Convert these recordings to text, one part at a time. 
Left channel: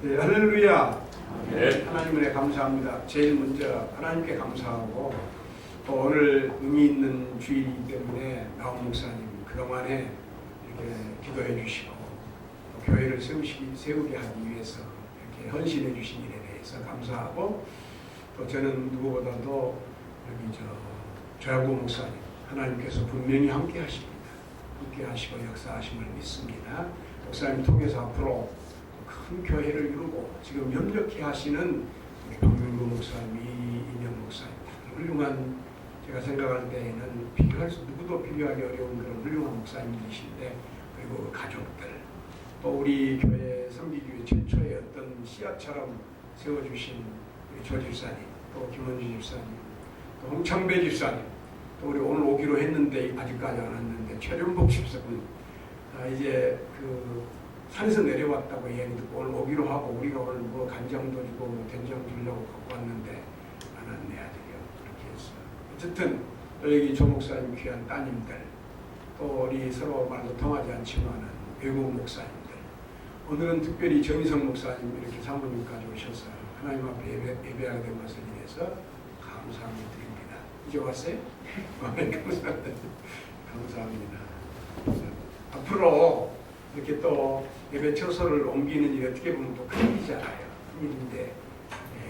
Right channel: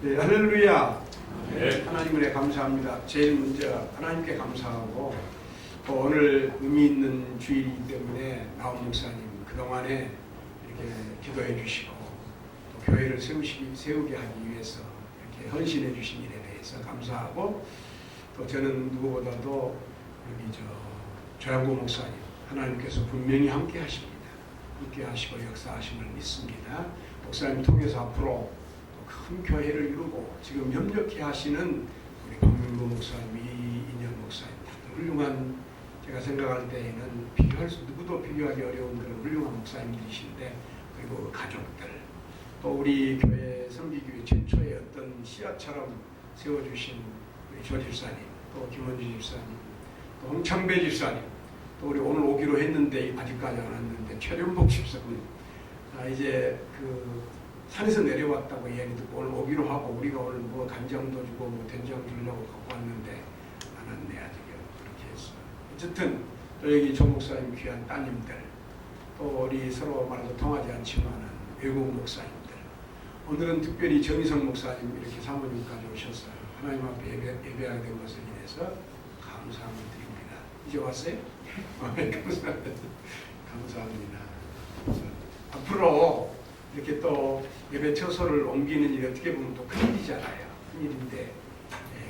네, 할렐루야. 네. 하나님 은혜 감사합니다. 제일 먼저 하나님께 감사하고 또 오늘 의미 있는 주일이기 때문에 나온 목사님 그동안에 이렇게 기도해 주시고 또 교회를 세우게 하기 위해서 이렇게 헌신해 주신 일에 대해서 감사하고 또 저는 누구보다도 여기 조양구 목사님 하나님께서 분명히 함께 하십니다. 함께 하시고 역사하심을 믿습니다. 목사님 통해서 앞으로 큰 교회를 이루고 지금 협력해 하시는 우리 박명구 목사님, 이인영 목사님 훌륭한, 제가 생각할 때에는 누구도 비교하기 어려운 그런 훌륭한 목사님들이신데, 그리고 그 가족들, 또 우리 교회 성기교회 최초의 어떤 씨앗처럼 세워주신 우리 조 집사님, 또 김원주 집사님, 또 홍창배 집사님, 또 우리 오늘 오기로 했는데 아직까지 안 왔는데 최련복 집사님, 이제 산에서 내려왔다고 이야기 듣고 오늘 오기로 하고, 우리가 오늘 뭐 간장도 주고 뭐 된장 주려고 갖고 왔는데 안 왔네 아직요. 그렇게 했어. 어쨌든 또 여기 조 목사님 귀한 따님들, 또 우리 서로 말도 통하지 않지만은 외국 목사님들, 오늘은 특별히 정희성 목사님 이렇게 사모님까지 오셔서 하나님 앞에 예배하게 된 것을 인해서 감사함을 드립니다. 이제 왔어요? 감사합니다. 앞으로 이렇게 또 예배 처소를 옮기는 일이 어떻게 보면 또 큰일이잖아요. 큰일인데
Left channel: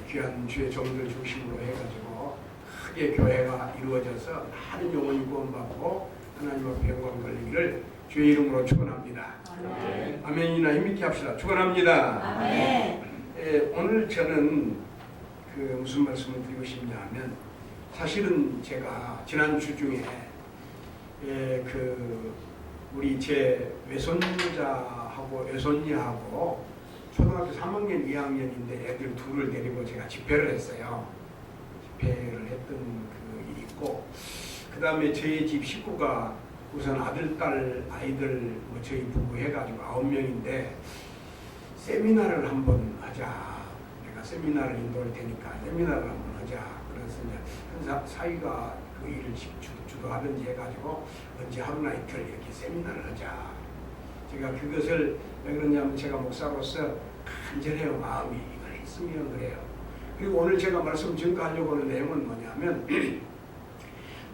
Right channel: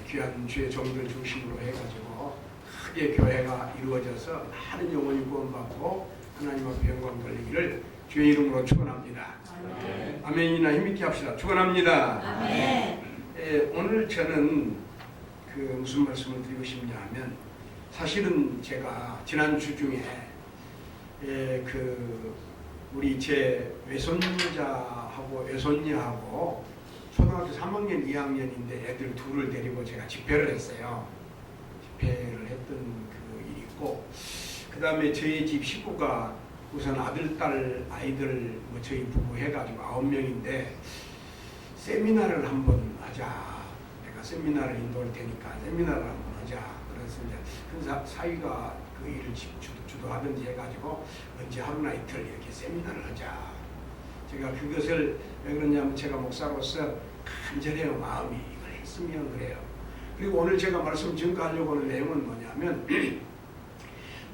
귀한 주의 종들 중심으로 해가지고 크게 교회가 이루어져서 많은 영혼이 구원받고 하나님 앞에 영광 돌리기를 주의 이름으로 축원합니다. 아멘. 아멘이나 힘있게 합시다. 축원합니다. 아멘. 오늘 저는 무슨 말씀을 드리고 싶냐 하면, 사실은 제가 지난 주 중에 우리 제 외손자하고 외손녀하고 초등학교 3학년 2학년인데 애들 둘을 데리고 제가 집회를 했어요. 집회를 했던 그 일이 있고, 그 다음에 저희 집 식구가 우선 아들, 딸, 아이들 뭐 저희 부부 해가지고 9명인데 세미나를 한번 하자. 내가 세미나를 인도할 테니까 세미나를 한번 하자. 그래서 이제 큰 사위가 그 일을 주도하든지 해가지고 언제 하루나 이틀 이렇게 세미나를 하자. 제가 그것을 왜 그러냐면 제가 목사로서 간절해요. 마음이 이걸 했으면 그래요. 그리고 오늘 제가 말씀 증거하려고 하는 내용은 뭐냐면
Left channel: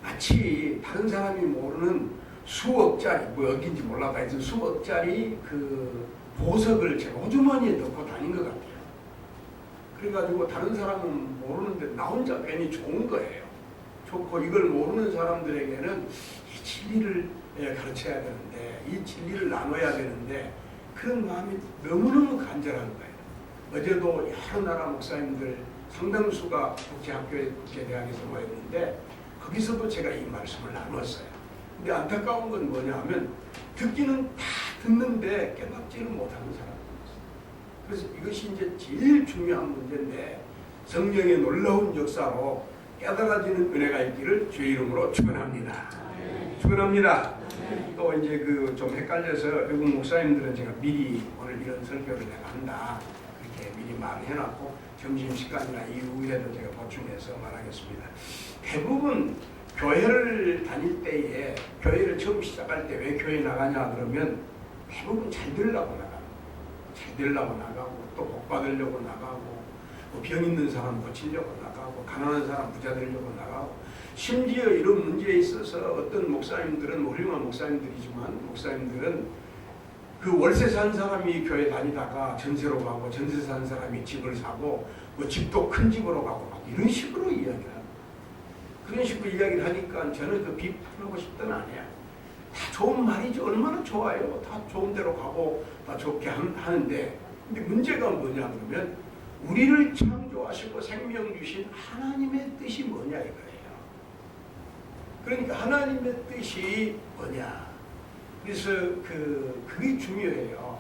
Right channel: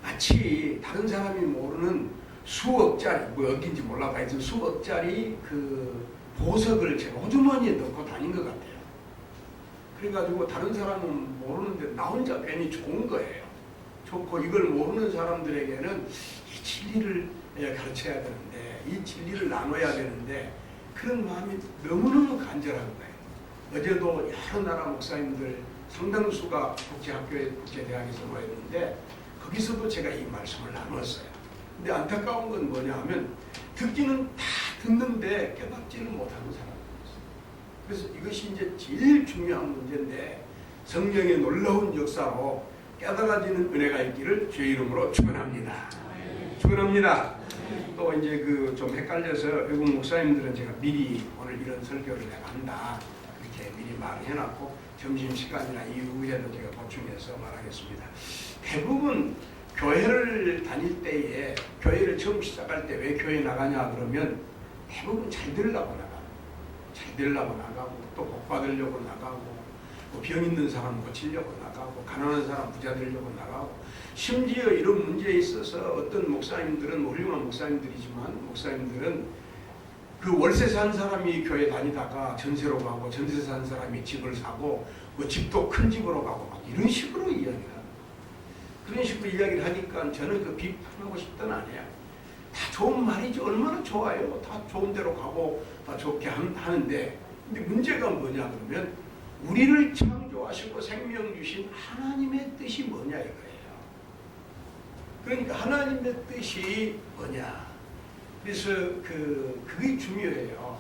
마치 다른 사람이 모르는 수억짜리, 뭐 어딘지 몰라도 하여튼 수억짜리 그 보석을 제가 호주머니에 넣고 다닌 것 같아요. 그래가지고 다른 사람은 모르는데 나 혼자 괜히 좋은 거예요. 좋고, 이걸 모르는 사람들에게는 이 진리를 가르쳐야 되는데, 이 진리를 나눠야 되는데, 그런 마음이 너무너무 간절한 거예요. 어제도 여러 나라 목사님들 상당수가 국제대학에서 모였는데 거기서도 제가 이 말씀을 나눴어요. 근데 안타까운 건 뭐냐 하면 듣기는 다 듣는데 깨닫지는 못하는 사람들이 있어요. 그래서 이것이 이제 제일 중요한 문제인데, 성령의 놀라운 역사로 깨달아지는 은혜가 있기를 주의 이름으로 축원합니다. 축원합니다. 또 이제 좀 헷갈려서 외국 목사님들은 제가 미리 오늘 이런 설교를 내가 한다 이렇게 미리 말을 해놨고, 점심시간이나 이후에도 제가 보충해서 말하겠습니다. 대부분 교회를 다닐 때에, 교회를 처음 시작할 때 왜 교회 나가냐 그러면 대부분 잘 되려고 나가고, 잘 되려고 나가고, 또 복 받으려고 나가고, 병 있는 사람 고치려고 나가고, 가난한 사람 부자 되려고 나가고, 심지어 이런 문제에 있어서 어떤 목사님들은 훌륭한 목사님들이지만, 목사님들은 그 월세 산 사람이 교회 다니다가 전세로 가고, 전세 산 사람이 집을 사고, 그 집도 큰 집으로 가고, 막 이런 식으로 이야기를 합니다. 그런 식으로 이야기를 하니까 저는 그 비판하고 싶던 아니야. 다 좋은 말이죠. 얼마나 좋아요. 다 좋은 데로 가고 다 좋게 하는데, 근데 문제가 뭐냐 그러면 우리를 창조하시고 생명 주신 하나님의 뜻이 뭐냐 이거예요. 그러니까 하나님의 뜻이 뭐냐. 그래서 그게 중요해요.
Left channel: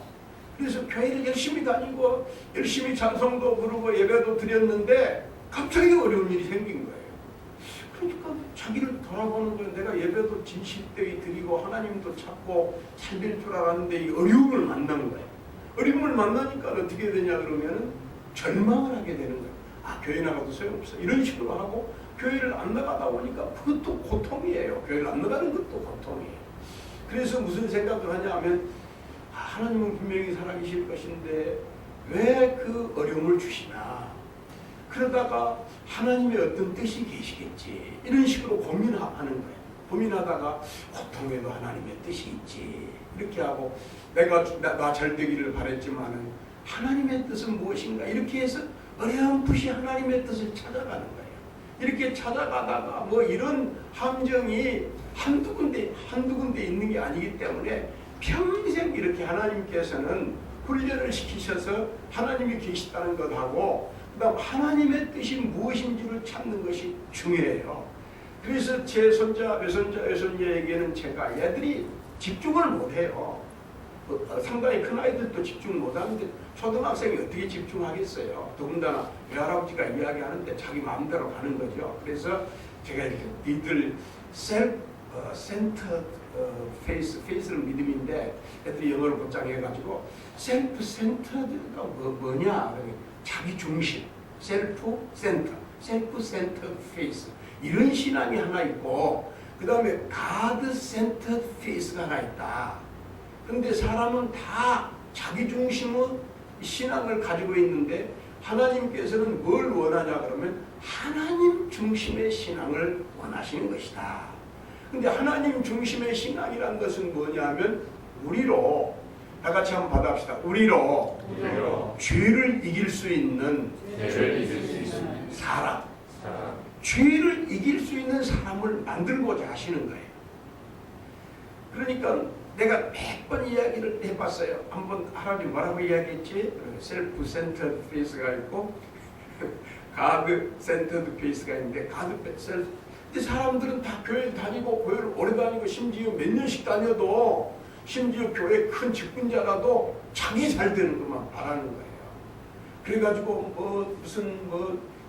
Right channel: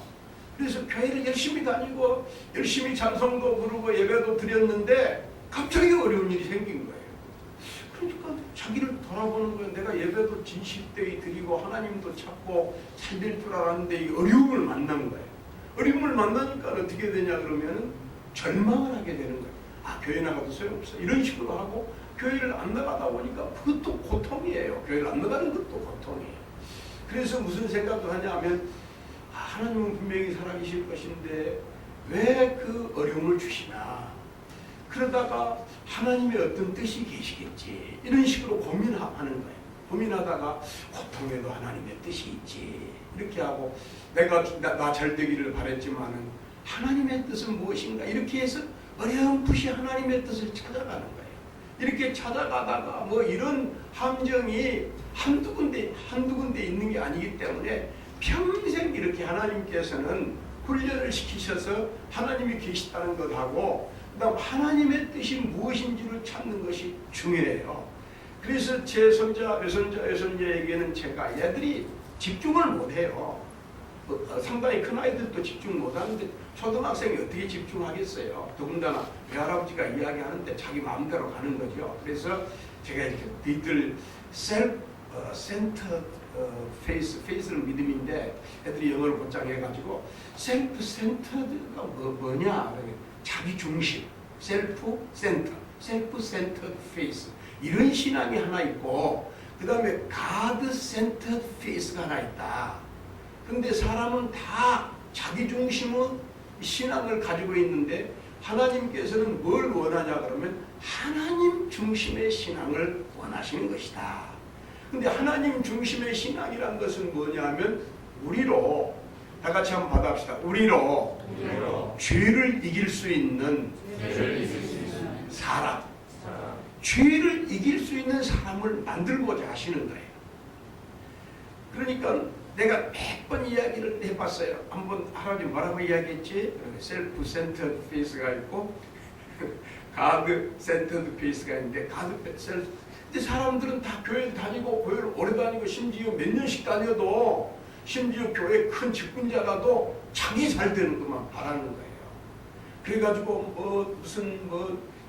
그래서 교회를 열심히 다니고 열심히 찬송도 부르고 예배도 드렸는데 갑자기 어려운 일이 생긴 거예요. 그러니까 자기를 돌아보는 거예요. 내가 예배도 진실되이 드리고 하나님도 찾고 잘 될 줄 알았는데 이 어려움을 만난 거예요. 어려움을 만나니까 어떻게 되냐 그러면은 절망을 하게 되는 거예요. 아, 교회 나가도 소용없어. 이런 식으로 하고 교회를 안 나가다 보니까 그것도 고통이에요. 교회를 안 나가는 것도 고통이에요. 그래서 무슨 생각을 하냐 하면, 하나님은 분명히 살아계실 것인데 왜 그 어려움을 주시나? 그러다가 하나님의 어떤 뜻이 계시겠지. 이런 식으로 고민하는 거예요. 고민하다가 고통에도 하나님의 뜻이 있지. 이렇게 하고 내가 나 잘 되기를 바랬지만은 하나님의 뜻은 무엇인가? 이렇게 해서 어렴풋이 하나님의 뜻을 찾아가는 거예요. 이렇게 찾아가다가 뭐 이런 함정이 한두 군데 있는 게 아니기 때문에 평생 이렇게 하나님께서는 훈련을 시키셔서 하나님이 계시다는 것하고 그다음 하나님의 뜻이 무엇인지를 찾는 것이 중요해요. 그래서 제 손자, 외손자에게는 제가 얘들이 집중을 못해요. 상당히 큰 아이들도 집중 못하는데 초등학생이 어떻게 집중하겠어요. 더군다나 외할아버지가 이야기하는데 자기 마음대로 가는 거죠. 그래서 제가 이렇게 니들 self-centered face는 믿음인데 애들이 영어를 곧장해가지고 self-centered가 뭐냐? 자기 중심, self-centered face 이런 신앙이 하나 있고 그 다음에 God-centered face가 하나 있다. 근데 사람은 다 자기 중심의 신앙을 가지고 있는데 하나님께서는 뭘 원하냐 그러면 하나님 중심의 신앙을 원하시는 것이다. 근데 하나님 중심의 신앙이란 것은 뭐냐면 우리로 다 같이 한번 받아봅시다. 우리로 죄를 이길 수 있는 사람, 죄를 이길 수 있는 사람을 만들고자 하시는 거예요. 그러니까 내가 몇 번 이야기를 해봤어요. 한번 할아버지 뭐라고 이야기했지? 셀프-센터드 페이스가 있고 가드-센터드 페이스가 있는데 근데 사람들은 다 교회 다니고 교회를 오래 다니고 심지어 몇 년씩 다녀도 심지어 교회 큰 직분자라도 자기 잘 되는 것만 바라는 거예요. 그래가지고 무슨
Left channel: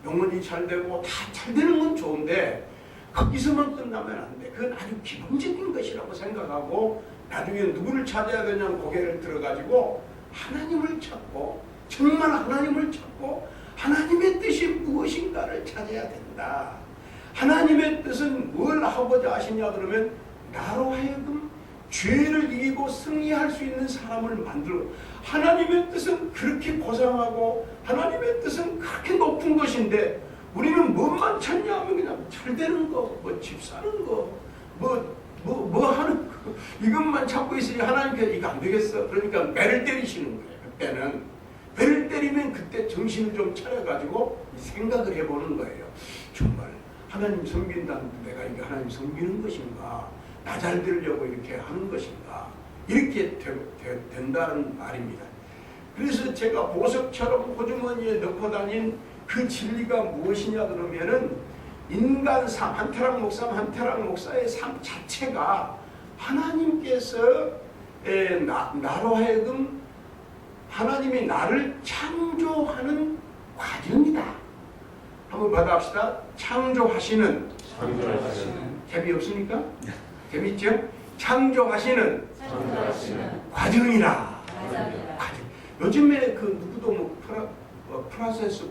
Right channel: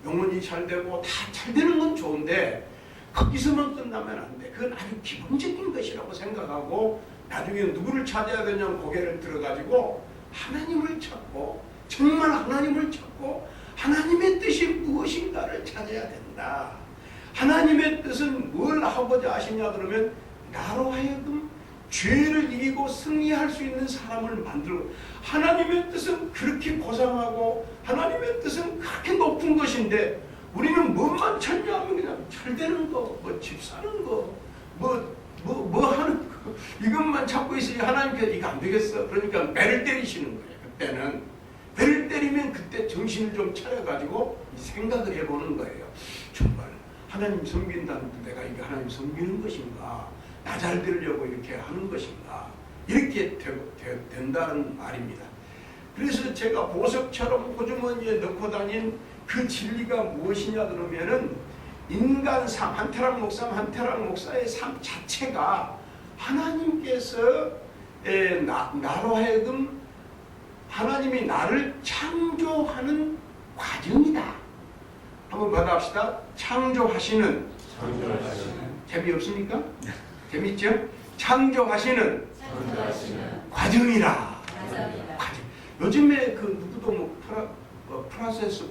영혼이 잘 되고 다 잘 되는 건 좋은데 거기서만 끝나면 안 돼. 그건 아주 기본적인 것이라고 생각하고 나중에 누구를 찾아야 되냐면 고개를 들어가지고 하나님을 찾고 정말 하나님을 찾고 하나님의 뜻이 무엇인가를 찾아야 된다. 하나님의 뜻은 뭘 하고자 하시냐 그러면 나로 하여금 죄를 이기고 승리할 수 있는 사람을 만들고 하나님의 뜻은 그렇게 고상하고 하나님의 뜻은 그렇게 높은 것인데 우리는 뭐만 찾냐 하면 그냥 잘 되는 거, 집 사는 거, 뭐 하는 거 이것만 찾고 있으니 하나님께서 이거 안 되겠어. 그러니까 배를 때리시는 거예요. 그때는 배를 때리면 그때 정신을 좀 차려가지고 생각을 해보는 거예요. 정말 하나님 섬긴다는데 내가 이게 하나님 섬기는 것인가? 나 잘 되려고 이렇게 하는 것인가? 이렇게 된다는 말입니다. 그래서 제가 보석처럼 호주머니에 넣고 다닌 그 진리가 무엇이냐 그러면은 인간 삶, 한태락 목사의 삶 자체가 하나님께서 나로 하여금 하나님이 나를 창조하는 과정이다. 한번 받아봅시다. 창조하시는. 재미없습니까? 재밌죠? 창조하시는 과정이라. 과정. 요즘에 그 누구도 프로세스,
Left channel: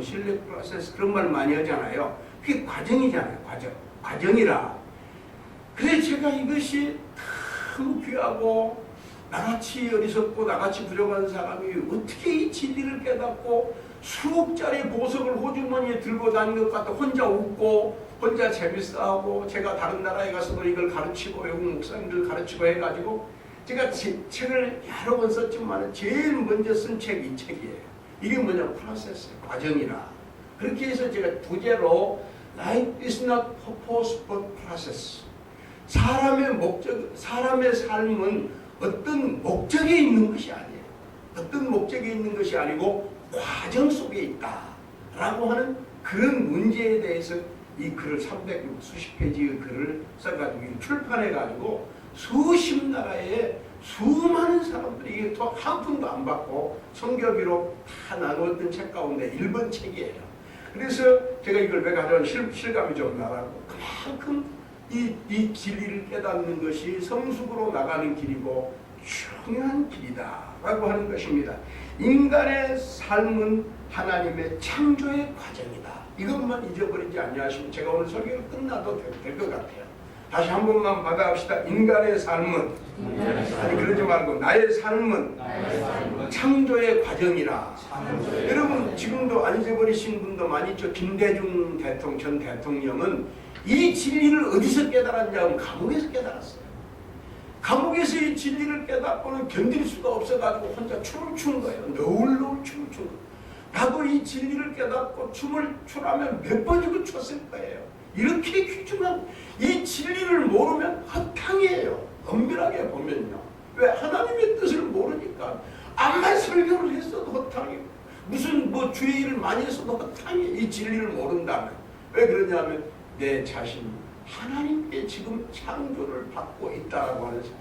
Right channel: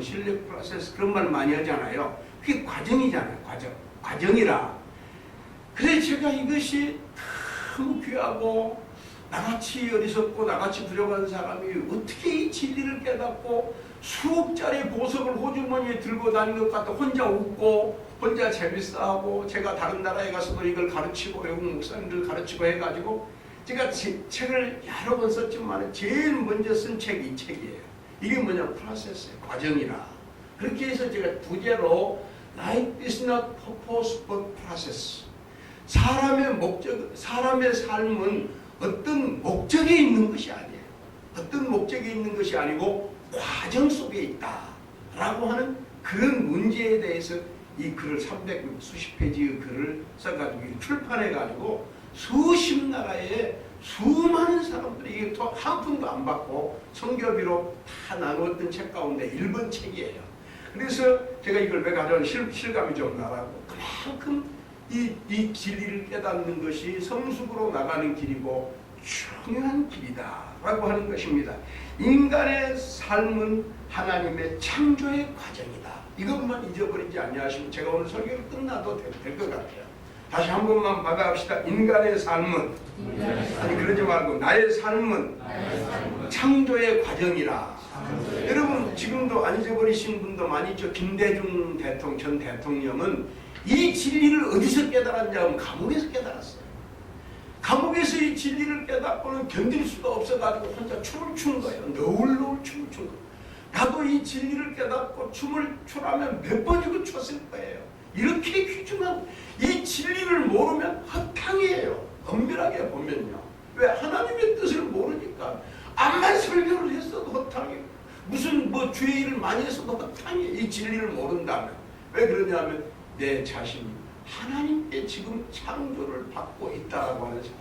실력 프로세스 그런 말 많이 하잖아요. 그게 과정이잖아요. 과정이라. 그래서 제가 이것이 참 귀하고 나같이 어리석고 나같이 부족한 사람이 어떻게 이 진리를 깨닫고 수억짜리 보석을 호주머니에 들고 다니는 것 같아 혼자 웃고 혼자 재밌어하고 제가 다른 나라에 가서도 이걸 가르치고 외국 목사님들 가르치고 해가지고 제가 책을 여러 번 썼지만 제일 먼저 쓴 책이 이 책이에요. 이게 뭐냐 프로세스의 과정이라. 그렇게 해서 제가 부제로 Life is not purpose but process. 사람의 삶은 어떤 목적에 있는 것이 아니에요. 어떤 목적에 있는 것이 아니고 과정 속에 있다 라고 하는 그런 문제에 대해서 이 글을 300수십 페이지의 글을 써가지고 출판해가지고 수십 나라에 수많은 사람들이 이게 또 한 푼도 안 받고 성교비로 다 나누었던 책 가운데 1번 책이에요. 그래서 제가 이걸 왜 가져온 실감이 좀 나라고 그만큼 이 진리를 깨닫는 것이 성숙으로 나가는 길이고 중요한 길이다 라고 하는 것입니다. 인간의 삶은 하나님의 창조의 과정이다. 이것만 잊어버리지 아니하시면 제가 오늘 설교를 끝나도 될 것 같아요. 다시 한 번만 받아갑시다. 인간의 삶은, 아니 그러지 말고 나의 삶은 창조의 과정이라. 여러분 지금도 안 잊어버리신 분도 많이 있죠. 김대중 전 대통령은 이 진리를 어디서 깨달았냐면 감옥에서 깨달았어요. 감옥에서 이 진리를 깨닫고는 견딜 수가 없어가지고 혼자 춤을 추는 거예요. 너울너울 춤을 추는 거예요. 나도 이 진리를 깨닫고 춤을 추라면 몇 번이고 췄을 거예요. 이렇게 귀중한 이 진리를 모르면 허탕이에요. 엄밀하게 보면요. 왜? 하나님의 뜻을 모르니까 암만 설교를 했어도 허탕이고 무슨 뭐 주의 일을 많이 했어도 허탕이에요. 이 진리를 모른다면. 왜 그러냐면 내 자신이 하나님께 지금 창조를 받고 있다라고 하는 사실.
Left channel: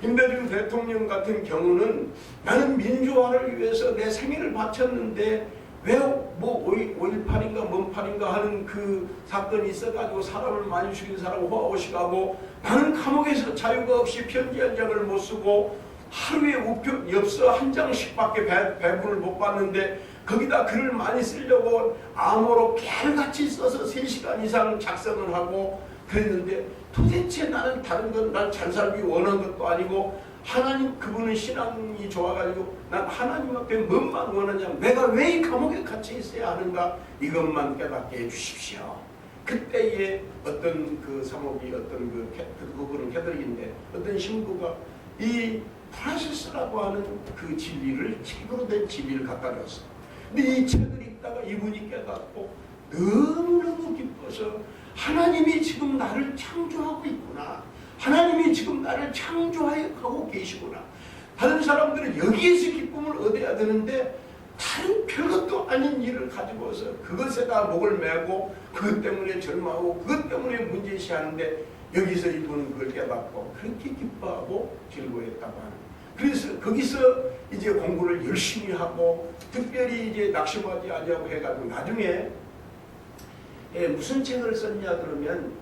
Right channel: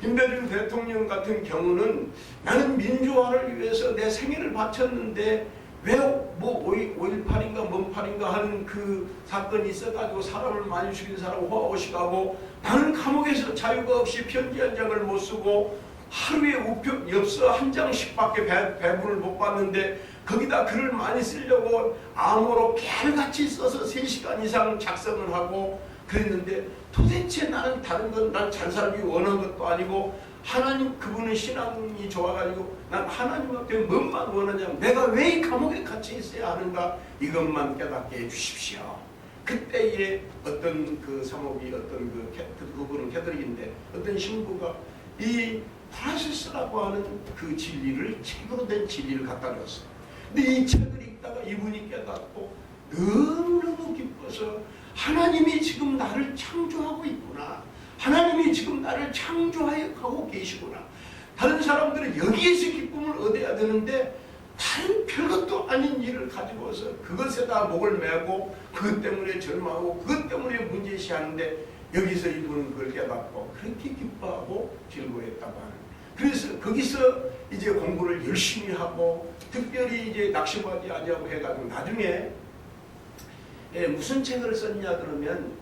김대중 대통령 같은 경우는 나는 민주화를 위해서 내 생애를 바쳤는데 왜 뭐 5.18인가 뭔 8인가 하는 그 사건이 있어가지고 사람을 많이 죽인 사람 호화호식하고 나는 감옥에서 자유가 없이 편지 한 장을 못 쓰고 하루에 우표 엽서 한 장씩밖에 배분을 못 받는데 거기다 글을 많이 쓰려고 암호로 깨알같이 써서 3시간 이상 작성을 하고 그랬는데 도대체 나는 다른 건 난 잘 살기 원한 것도 아니고 하나님 그분은 신앙이 좋아가지고 난 하나님 앞에 뭔만 원하냐면 내가 왜 이 감옥에 갇혀 있어야 하는가 이것만 깨닫게 해주십시오. 그때에 어떤 그 사목이 어떤 그분은 캐톨릭인데 어떤 신부가 이 프라시스라고 하는 그 진리를 책으로 된 진리를 갖다 줬어요. 근데 이 책을 읽다가 이분이 깨닫고 너무너무 기뻐서 하나님이 지금 나를 창조하고 있구나. 하나님이 지금 나를 창조하고 계시구나. 다른 사람들은 여기에서 기쁨을 얻어야 되는데 다른 별것도 아닌 일을 가지고서 그것에다 목을 메고 그것 때문에 절망하고 그것 때문에 문제시하는데 여기서 이분은 그걸 깨닫고 그렇게 기뻐하고 즐거워했다고 하는. 그래서 거기서 이제 공부를 열심히 하고 특별히 이제 낙심하지 아니하고 해가지고 나중에 무슨 책을 썼냐 그러면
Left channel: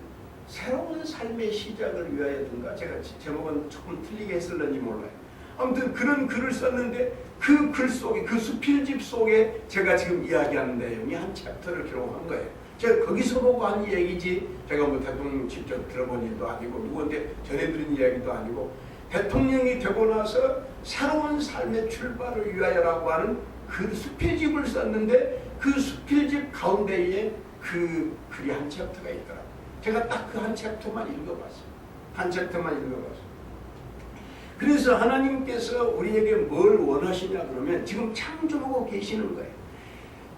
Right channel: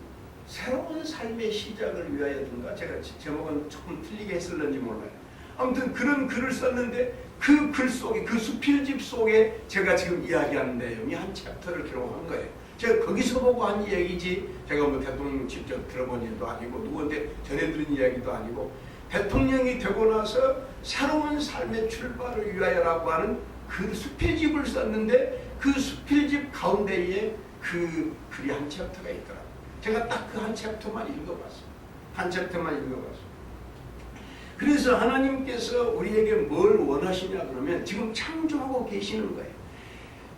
새로운 삶의 시작을 위하여든가 제가 제목은 조금 틀리게 했을런지 몰라요. 아무튼 그런 글을 썼는데 그 글 속에 그 수필집 속에 제가 지금 이야기하는 내용이 한 챕터를 기록한 거예요. 제가 거기서 보고 한 얘기지 제가 뭐 대통령 직접 들어본 일도 아니고 누구한테 전해드린 이야기도 아니고 대통령이 되고 나서 새로운 삶의 출발을 위하여라고 하는 그 수필집을 썼는데 그 수필집 가운데에 그 글이 한 챕터가 있더라고요. 제가 딱 그 한 챕터만 읽어봤어요. 한 챕터만 읽어봤어요. 그래서 하나님께서 우리에게 뭘 원하시냐 그러면 지금 창조하고 계시는 거예요.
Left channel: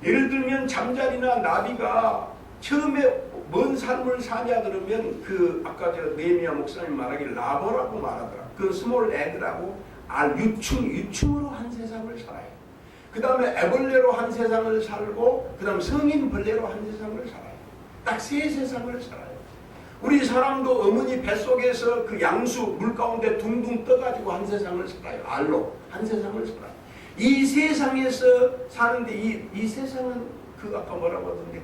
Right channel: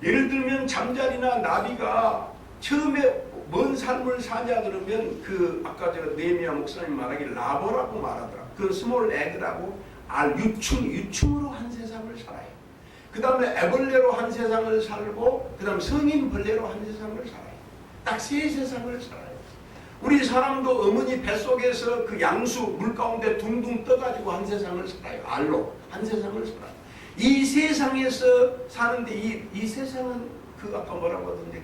예를 들면 잠자리나 나비가 처음에 뭔 삶을 사냐 그러면 그 아까 저 네미야 목사님 말하길 라버라고 말하더라. 그 스몰 에그라고 유충으로 한 세상을 살아요. 그 다음에 애벌레로 한 세상을 살고 그 다음 성인 벌레로 한 세상을 살아요. 딱 3세상을 살아요. 우리 사람도 어머니 뱃속에서 그 양수 물 가운데 둥둥 떠가지고 한 세상을 살아요. 알로 한 세상을 살아요. 이 세상에서 사는데 이 세상은 그 아까 뭐라고 하던데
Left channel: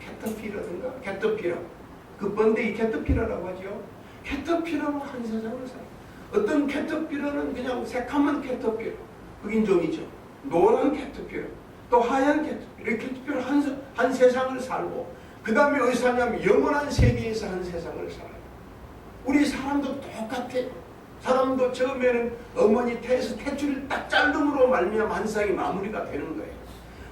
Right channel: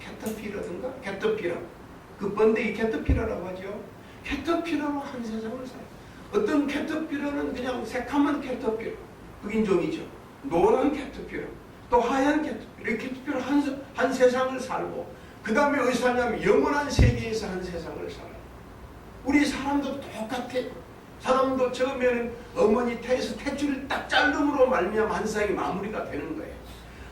캐터피러든가 캐터피러 그 번데기 캐터피러라고 하죠. 캐터피러로 한 세상을 살아요. 어떤 캐터피러는 그냥 새카만 캐터피러 흑인종이죠. 노란 캐터피러 또 하얀 캐터피러 이 캐터피러 한 세상을 살고 그 다음에 어디서 사냐면 영원한 세계에서 한 세상을 살아요. 우리 사람도 똑같아요. 사람도 처음에는 어머니 태에서 탯줄을 딱 자름으로 말미암아 한 세상이 마무리가 되는 거예요.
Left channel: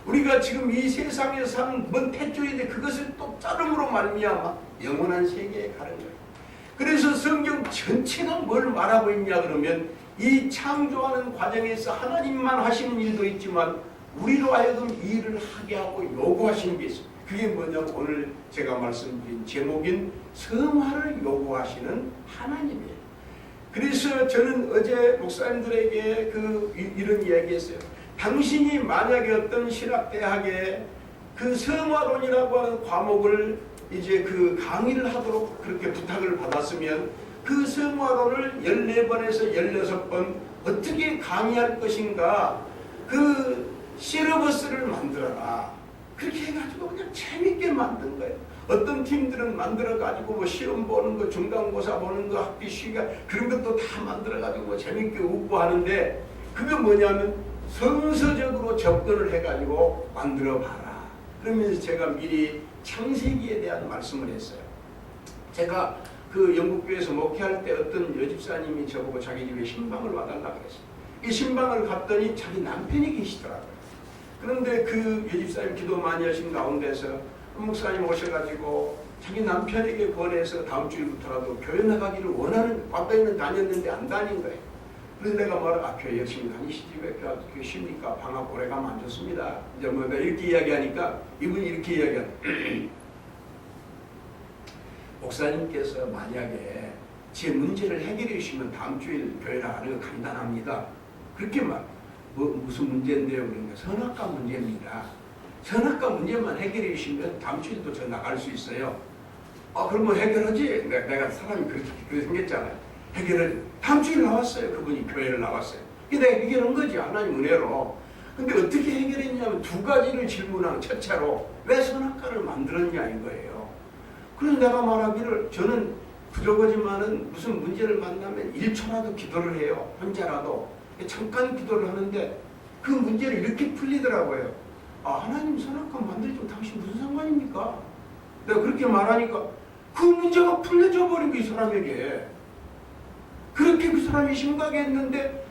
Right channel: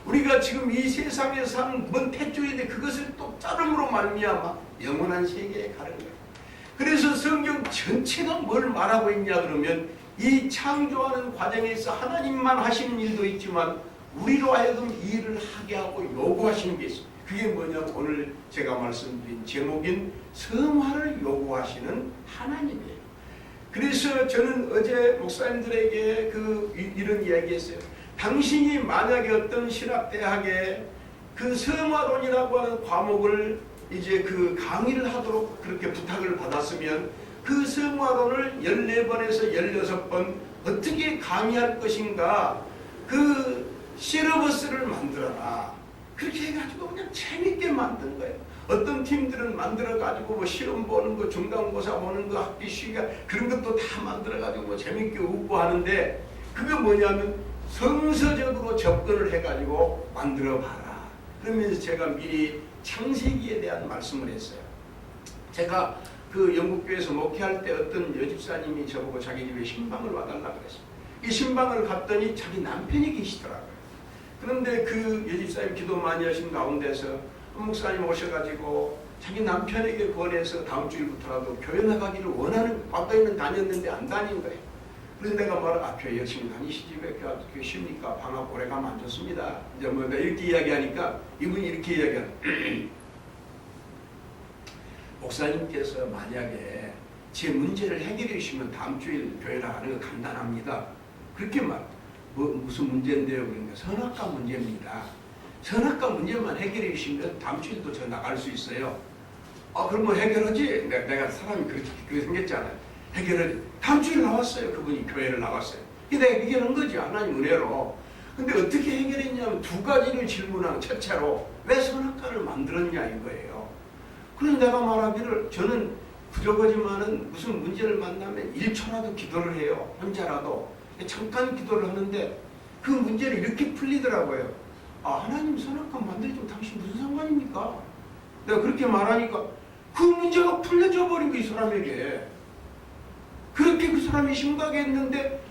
우리가 지금 이 세상에 사는 뭔 탯줄인데 그것을 또 자름으로 말미암아 영원한 세계에 가는 거예요. 그래서 성경 전체가 뭘 말하고 있냐 그러면 이 창조하는 과정에서 하나님만 하시는 일도 있지만 우리로 하여금 이 일을 하게 하고 요구하시는 게 있어요. 그게 뭐냐면 오늘 제가 말씀드린 제목인 성화를 요구하시는 하나님이에요. 그래서 저는 어제 목사님들에게 이런 이야기했어요. 당신이 만약에 어떤 신학대학에 그 성화론이라고 하는 과목을 이제 그 강의를 하도록 그렇게 부탁을 받았으면 그 성화론을 14번에서 16번 어떻게 강의할 것인가 그 시러버스를 만들어라. 그렇게 해가지고 그냥 재밌게 만든 거예요. 어떤 팀들은 만들어가지고 뭐 시험 보는 거, 중간고사 보는 거, 학기 시간 그런 것도 다 만들어가지고 뭐 재밌게 웃고 하는데 그게 뭐냐면 성서적으로 접근을 해가지고 만들어봐라. 그러면서 제가 미리 창세기에 대한 말씀을 했어요. 제가 그 영국교회에서 목회할 때 어떤 여집사님이 저보고 자기 집에 신방을 와달라 그랬어요. 이 신방을 갔더니 자기 남편이 계시더라고요. 그런데 그 여집사님 기도 많이 하신 가운데서 목사님 오셔가지고 자기 남편에게 권해서 다음 주일부터라도 교회 나가기를 원하는, 아까에는 다녔는데 안 다닌 거예요. 그래서 내가 뭐라, 교회 열심히 다니시지 왜 교회 쉽니까? 방학 오래 가면 안 좋습니다. 이제 뭐 내가 이렇게 이야기하니까 이분이 이렇게 이야기하는 목사님께서 만약에 제 문제를 해결해 주시면 다음 주일 교회 나가는 거 간단합니다. 그렇게 무슨 문제인데요? 그러니까 선악과 문제입니다. 선악과 문제만 해결해 주시면 다음 주일도 저 나갈 수 있어요. 그러면 해결하지? 내가 사람이 그렇게 생겼잖아요. 해결하지. 다음 주일 나왔어요. 그분이 교회를 나왔어요. 이게 내가 해결한 거지. 하나님 은혜로. 근데 어떻게 해결했냐면 두 가지를 질문한 첫째로 왜 선악과를 만들었냐 이거예요. 그래서 내가 말하기를 저는 부족하지만은 무슨 문제를 만나면 1초라도 기도를 해요. 혼자라도. 잠깐 기도를 하는데 그 문제를 이렇게 풀리더라고요. 하나님 선악과 만들죠. 당신 무슨 상관입니까? 내가 그렇게 말하니까 그 문제가 풀려져 버린 거 이 사람에게. 그렇게 그 사람이 심각했는데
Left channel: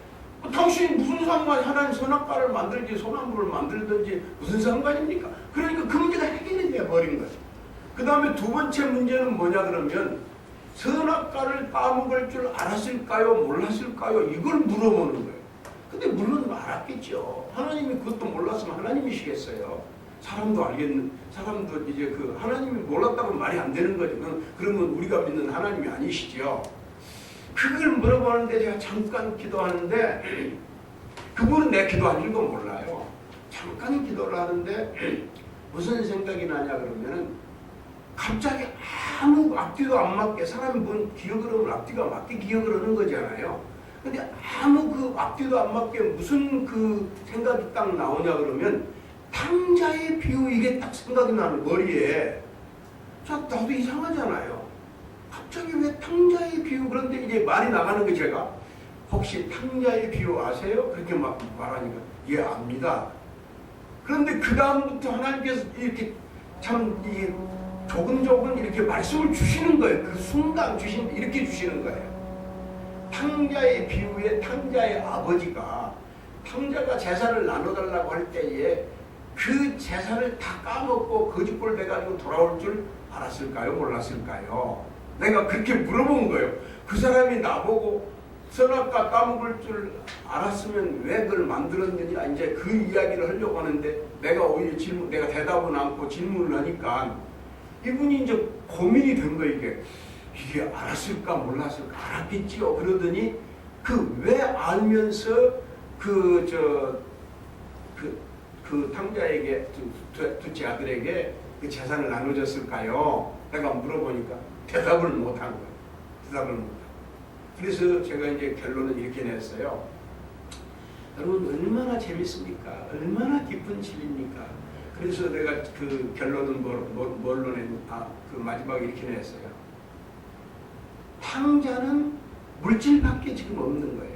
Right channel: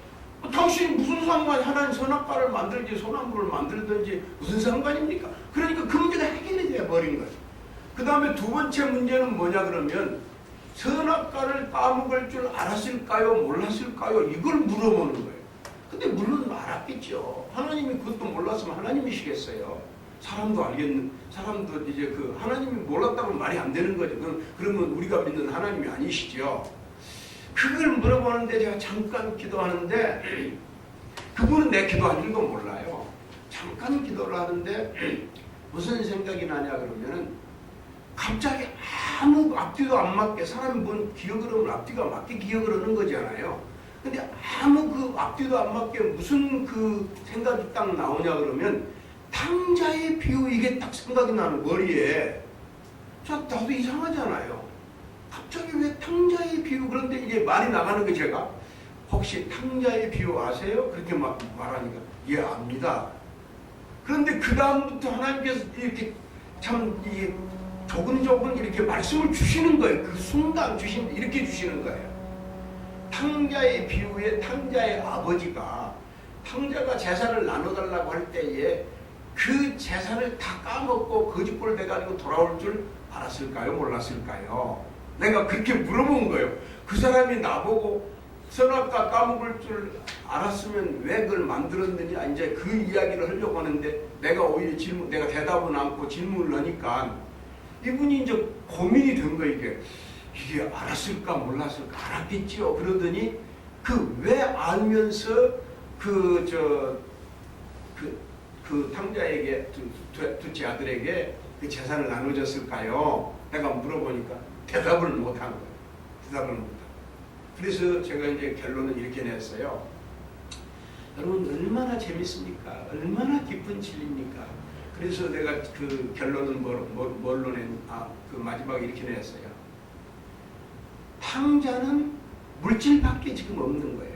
당신이 무슨 상관이 하나님 선악과를 만들지 소나무를 만들든지 무슨 상관입니까? 그러니까 그 문제가 해결이 되어버린 거죠. 그 다음에 두 번째 문제는 뭐냐 그러면 선악과를 따먹을 줄 알았을까요? 몰랐을까요? 이걸 물어보는 거예요. 근데 물론 알았겠죠. 하나님이 그것도 몰랐으면 하나님이시겠어요. 사람도 이제 그 하나님이 몰랐다면 말이 안 되는 거죠. 그러면 우리가 믿는 하나님이 아니시죠. 그걸 물어보는데 제가 잠깐 기도하는데 그분은 내 기도한 줄도 몰라요. 잠깐 기도를 하는데 무슨 생각이 나냐 그러면은 갑자기 아무 앞뒤도 안 맞게 사람이 뭔 기억을 하면 앞뒤가 맞게 기억을 하는 거잖아요. 근데 아무 그 앞뒤도 안 맞게 무슨 그 생각이 딱 나오냐 그러면 탕자의 비유 이게 딱 생각이 나는 머리에. 나도 이상하잖아요. 갑자기 왜 탕자의 비유 그런데 이제 말이 나가는 거 제가 혹시 탕자의 비유 아세요? 그렇게 말하니까 예 압니다. 그런데 그 다음부터 하나님께서 이렇게 참 이 조근조근 이렇게 말씀을 주시는 거예요. 그 순간 이렇게 주시는 거예요. 탕자의 비유에 탕자의 아버지가 탕자가 재산을 나눠달라고 할 때에 그 재산을 다 까먹고 거짓골 돼가지고 돌아올 줄 알았을까요? 몰랐을까요? 내가 그렇게 물어본 거예요. 그 사람이 나보고 선악과 까먹을 줄 알았으면 왜 그걸 만들었느냐 이제 그 이야기를 하려고 하는데 내가 오히려 내가 대답은 않고 질문을 하니까 이분이 이제 고민이 된 거예요. 이게 알았을까 몰랐을까 알았겠지요. 그러더니 그 왜 알면서 그 탕자에게 둘째 아들에게 그 재산을 나눠줬을까요? 내가 물어보니까 대답을 못한 거예요. 대답을 못하고. 그래서 제가 이제 결론은 이렇게 냈어요. 여러분 얼마나 재밌습니까? 얼마나 깊은 진리입니까? 그래서 내가 그 결론은 뭘로 그 마지막에 이렇게 냈어요. 탕자는 물질밖에 지금 없는 거예요.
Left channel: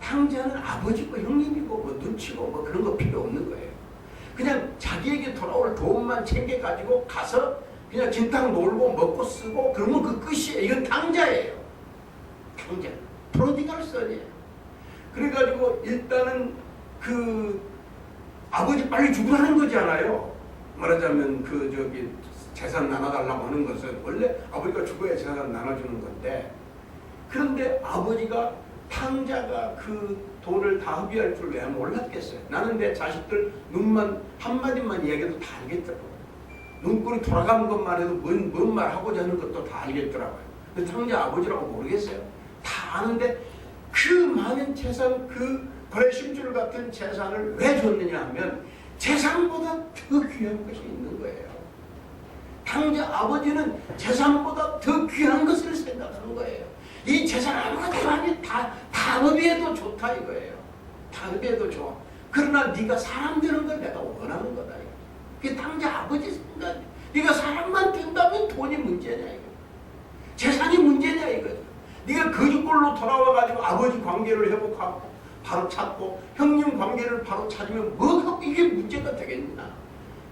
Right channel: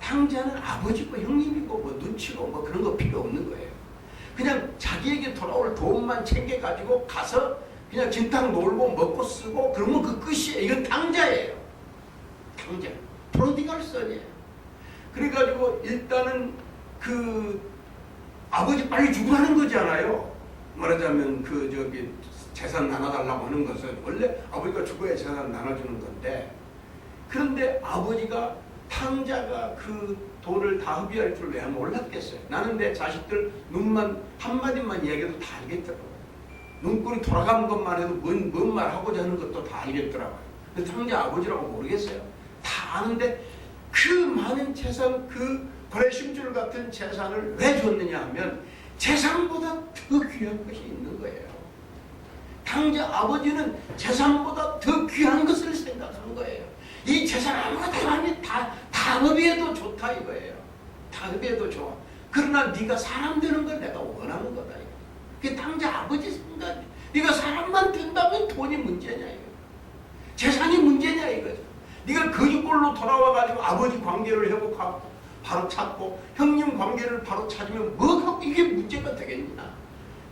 탕자는 아버지고 형님이고 뭐 눈치고 뭐 그런 거 필요 없는 거예요. 그냥 자기에게 돌아올 돈만 챙겨가지고 가서 그냥 진탕 놀고 먹고 쓰고 그러면 그 끝이에요. 이건 탕자예요. 탕자. 프로디갈 선이에요. 그래가지고 일단은 그 아버지 빨리 죽으라는 거잖아요. 말하자면 재산 나눠달라고 하는 것은 원래 아버지가 죽어야 재산 나눠주는 건데 그런데 아버지가 탕자가 그 돈을 다 흡입할 줄 왜 몰랐겠어요. 나는 내 자식들 눈만 한마디만 얘기해도 다 알겠더라고요. 눈꼴이 돌아가는 것만 해도 뭔 말 하고자 하는 것도 다 알겠더라고요. 근데 탕자 아버지라고 모르겠어요. 다 아는데 그 많은 재산 그 고래심줄 같은 재산을 왜 줬느냐 하면 재산보다 더 귀한 것이 있는 거예요. 탕자 아버지는 재산보다 더 귀한 것을 생각한 거예요. 이 재산 아무것도 아니 다 흡입해도 좋다 이거예요. 다 흡입해도 좋아. 그러나 네가 사람 되는 걸 내가 원하는 거다 이거. 그게 탕자 아버지 생각이야. 네가 사람만 된다면 돈이 문제냐 이거. 재산이 문제냐 이거죠. 네가 거짓골로 돌아와가지고 아버지 관계를 회복하고 바로 찾고 형님 관계를 바로 찾으면 뭐가 이게 문제가 되겠냐.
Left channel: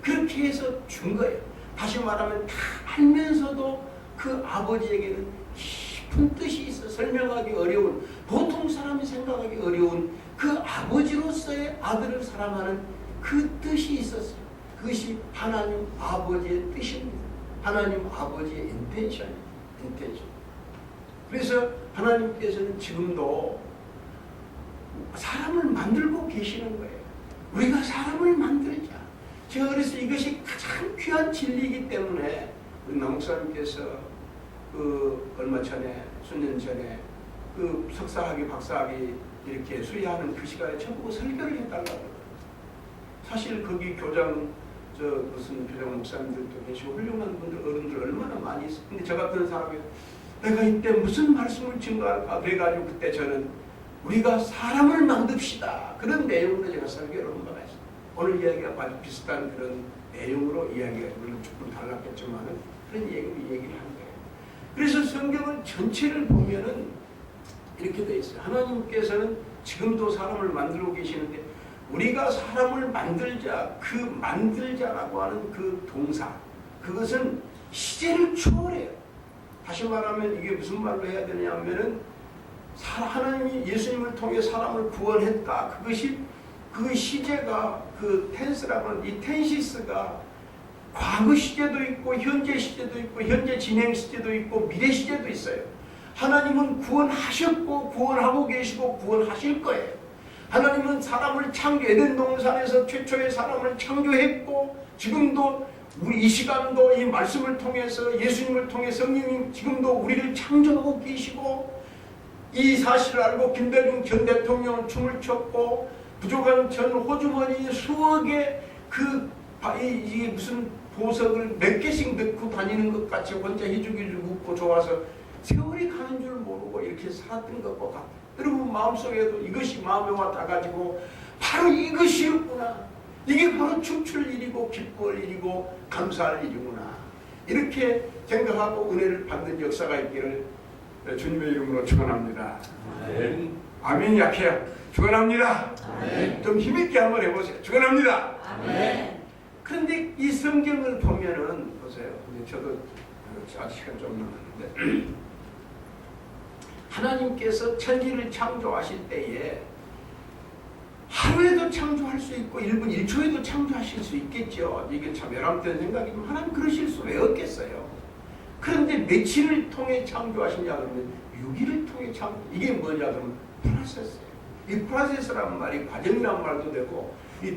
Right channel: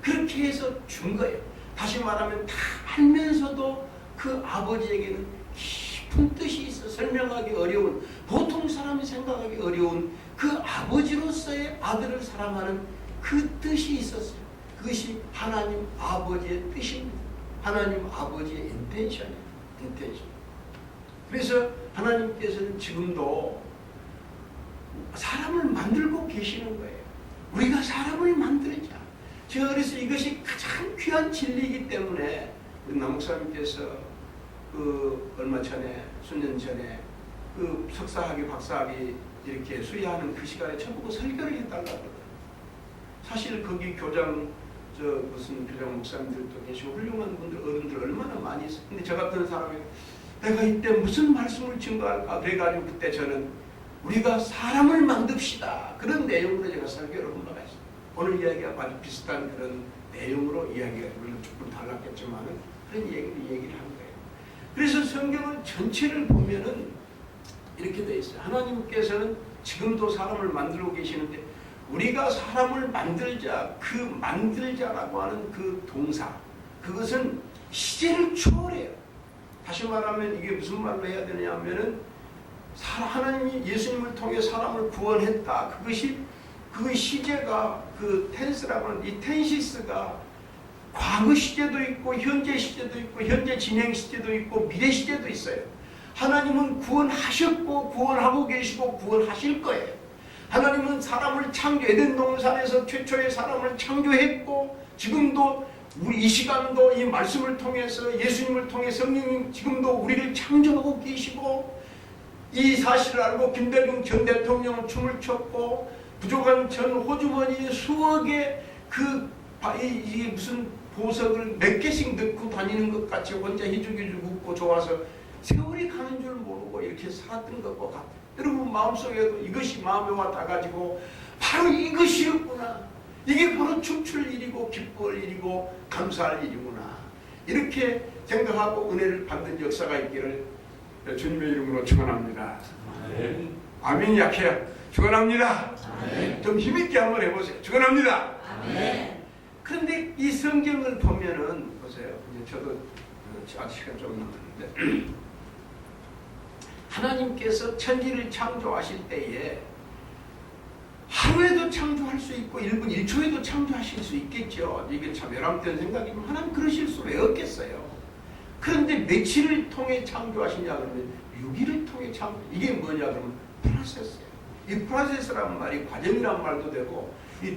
그렇게 해서 준 거예요. 다시 말하면 다 알면서도 그 아버지에게는 깊은 뜻이 있어 설명하기 어려운, 보통 사람이 생각하기 어려운 그 아버지로서의 아들을 사랑하는 그 뜻이 있었어요. 그것이 하나님 아버지의 뜻입니다. 하나님 아버지의 인텐션입니다. 인텐션. 그래서 하나님께서는 지금도 사람을 만들고 계시는 거예요. 우리가 사람을 만들자. 제가 그래서 이것이 가장 귀한 진리이기 때문에 우리 남목사님께서 얼마 전에, 수년 전에 석사학위, 박사학위 이렇게 수여하는 그 시간에 저보고 설교를 해달라고 그러더라고요. 사실 거기 교장, 무슨 교장 목사님들도 계시고 훌륭한 분들, 어른들 얼마나 많이 있어요. 근데 저 같은 사람이 내가 이때 무슨 말씀을 증거할까? 그래가지고 그때 저는 우리가 사람을 만듭시다. 그런 내용으로 제가 설교를 한 바가 있어요. 오늘 이야기가 아주 비슷한 그런 내용으로 이야기가 물론 조금 달랐겠지만은 그런 얘기를 한 거예요. 그래서 성경을 전체를 보면은 이렇게 돼 있어요. 하나님께서는 지금도 사람을 만들고 계시는데 우리가 사람을 만들자, 그 만들자라고 하는 그 동사, 그것은 시제를 초월해요. 다시 말하면 이게 무슨 말로 해야 되냐 하면은 하나님이 예수님을 통해 사람을 구원했다. 그것이 그 시제가 그 텐스라고 하는 이 텐시스가 과거 시제도 있고 현재 시제도 있고 현재 진행 시제도 있고 미래 시제도 있어요. 하나님은 구원하셨고 구원하고 계시고 구원하실 거예요. 하나님은 사람을 에덴 동산에서 최초의 사람을 창조했고 지금도 우리 이 시간도 이 말씀을 통해서 예수님을 통해 성령님 지금도 우리를 창조하고 계시고 이 사실을 알고 김대중 전 대통령은 춤을 췄고 부족한 전 호주머니 수억의 이게 무슨 보석을 몇 개씩 넣고 다니는 것 같이 혼자 희죽희죽 웃고 좋아서 세월이 가는 줄 모르고 이렇게 살았던 것과 같아요. 여러분 마음속에도 이것이 마음에 와 닿아가지고 바로 이것이었구나. 이게 바로 춤출 일이고 기뻐할 일이고 감사할 일이구나. 이렇게 생각하고 은혜를 받는 역사가 있기를 주님의 이름으로 축원합니다. 아멘. 약해요. 축원합니다. 좀 힘있게 한번 해보세요. 축원합니다. 그런데 이 성경을 보면은 보세요. 이제 저도 아직 시간 좀 남았는데 하나님께서 천지를 창조하실 때에 하루에도 창조할 수 있고 1분 1초에도 창조하실 수 있겠죠. 이게 참 외람된 생각이지만 하나님 그러실 수 왜 없겠어요. 그런데 며칠을 통해 창조하시냐 그러면 6일을 통해 창조. 이게 뭐냐 그러면 프로세스예요. 이 프로세스라는 말이 과정이란 말도 되고 이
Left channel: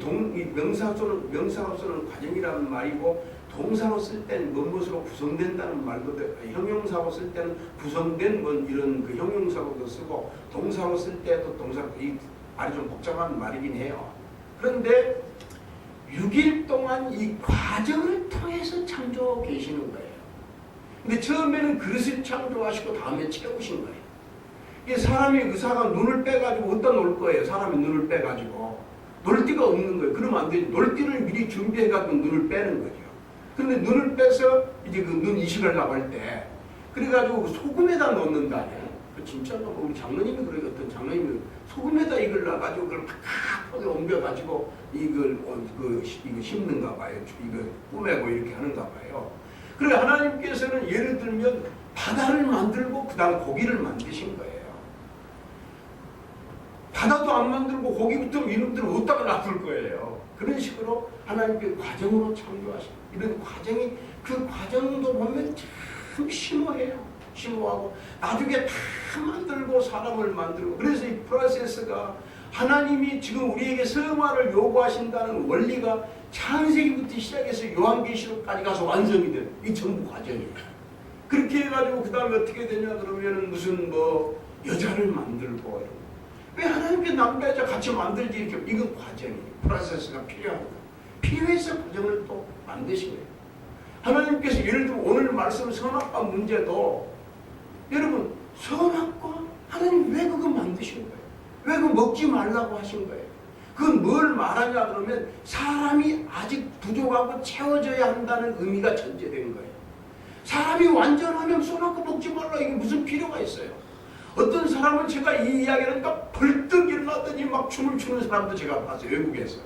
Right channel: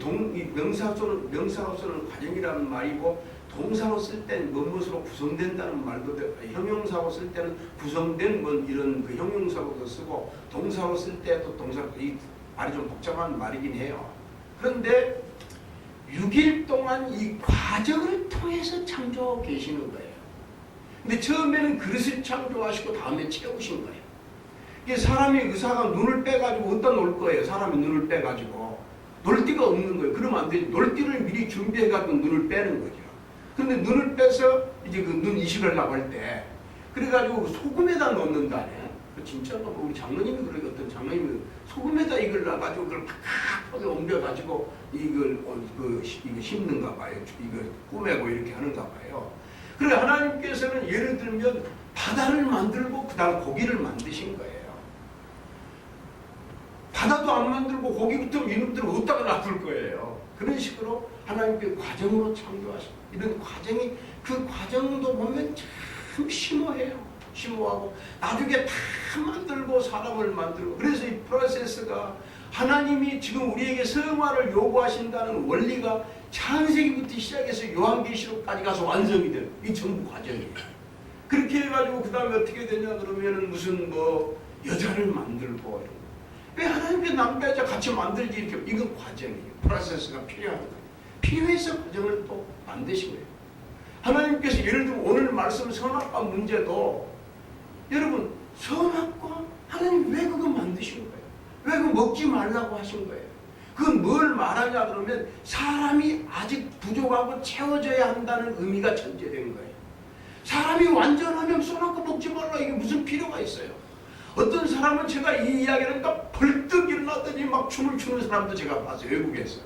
명사로서는 과정이라는 말이고 동사로 쓸 때는 무엇으로 구성된다는 말도 되고 형용사로 쓸 때는 구성된 이런 그 형용사로도 쓰고 동사로 쓸 때도 이 말이 좀 복잡한 말이긴 해요. 그런데 6일 동안 이 과정을 통해서 창조하고 계시는 거예요. 근데 처음에는 그릇을 창조하시고 다음에 채우신 거예요. 이게 사람이 의사가 눈을 빼가지고 어디다 놓을 거예요. 사람이 눈을 빼가지고 놀 데가 없는 거예요. 그러면 안 되지. 놀 데를 미리 준비해가지고 눈을 빼는 거죠. 근데 눈을 빼서 이제 그 눈 이식을 나갈 때 그래가지고 소금에다 넣는다네. 진짜 우리 장로님이 그러게 어떤 장로님이 소금에다 이걸 놔가지고 그걸 팍팍하게 옮겨가지고 이거 심는가 봐요. 이거 꾸매고 이렇게 하는가 봐요. 그래 하나님께서는 예를 들면 바다를 만들고 그 다음 고기를 만드신 거예요. 바다도 안 만들고 고기부터 이놈들을 어디다가 놔둘 거예요. 그런 식으로 하나님께 과정으로 창조하신 이런 과정이 그 과정도 보면 참 심오해요. 심오하고 나중에 다 만들고 사람을 만들고 그래서 이 프로세스가 하나님이 지금 우리에게 성화를 요구하신다는 원리가 창세기부터 시작해서 요한계시록까지 가서 완성이 돼요. 이 전부 과정이에요. 그렇게 해가지고 그 다음에 어떻게 되냐 그러면은 무슨 여자를 만들고 이런 거. 왜 하나님께 남자 여자 같이 만들지 이렇게 이건 과정이에요. 프로세스가 필요한 거예요. 필요해서 과정을 또 만드신 거예요. 하나님께서 예를 들면 오늘 말씀 선악과 문제도 여러분 선악과 하나님 왜 그거 만드신 거예요? 왜 그거 먹지 말라고 하신 거예요? 그건 뭘 말하냐 그러면 사람이 아직 부족하고 채워져야 한다는 의미가 전제된 거예요. 사람이 완전하면 선악과 먹지 말라 이게 무슨 필요가 있어요? 어떤 사람은 제가 이 이야기를 하니까 벌떡 일어나더니 막 춤을 추는 사람도 제가 봤어요. 외국에서.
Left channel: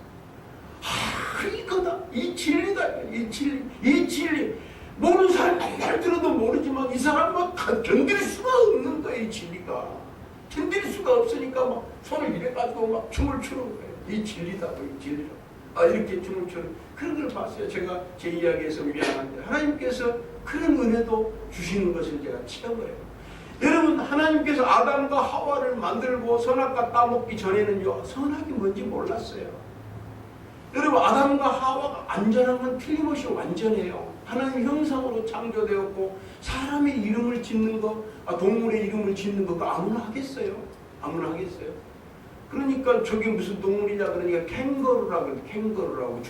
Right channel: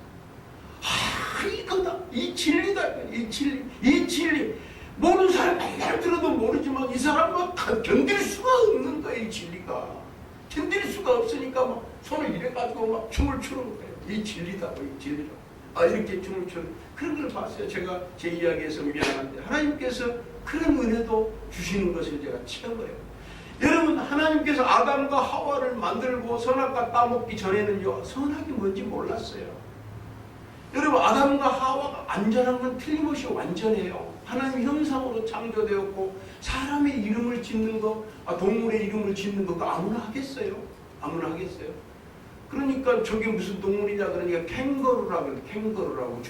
이거다. 이 진리다. 이 진리. 모르는 사람 말 들어도 모르지만 이 사람은 견딜 수가 없는 거예요. 이 진리가 견딜 수가 없으니까 막 손을 이래 가지고 막 춤을 추는 거예요. 이 진리다, 이 진리다. 이렇게 춤을 추는 그런 걸 봤어요. 제가 제 이야기에서 미안한데 하나님께서 그런 은혜도 주시는 것을 제가 체험을 해요. 여러분, 하나님께서 아담과 하와를 만들고 선악과 따먹기 전에는요, 선악이 뭔지 몰랐어요. 여러분, 아담과 하와가 안전한 건 틀림없이 완전해요. 하나님 형상으로 창조되었고 사람의 이름을 짓는 거, 동물의 이름을 짓는 거 아무나 하겠어요? 아무나 하겠어요? 그러니까 저게 무슨 동물이냐 그러니까 캥거루라 그러더라고요. 캥거루라고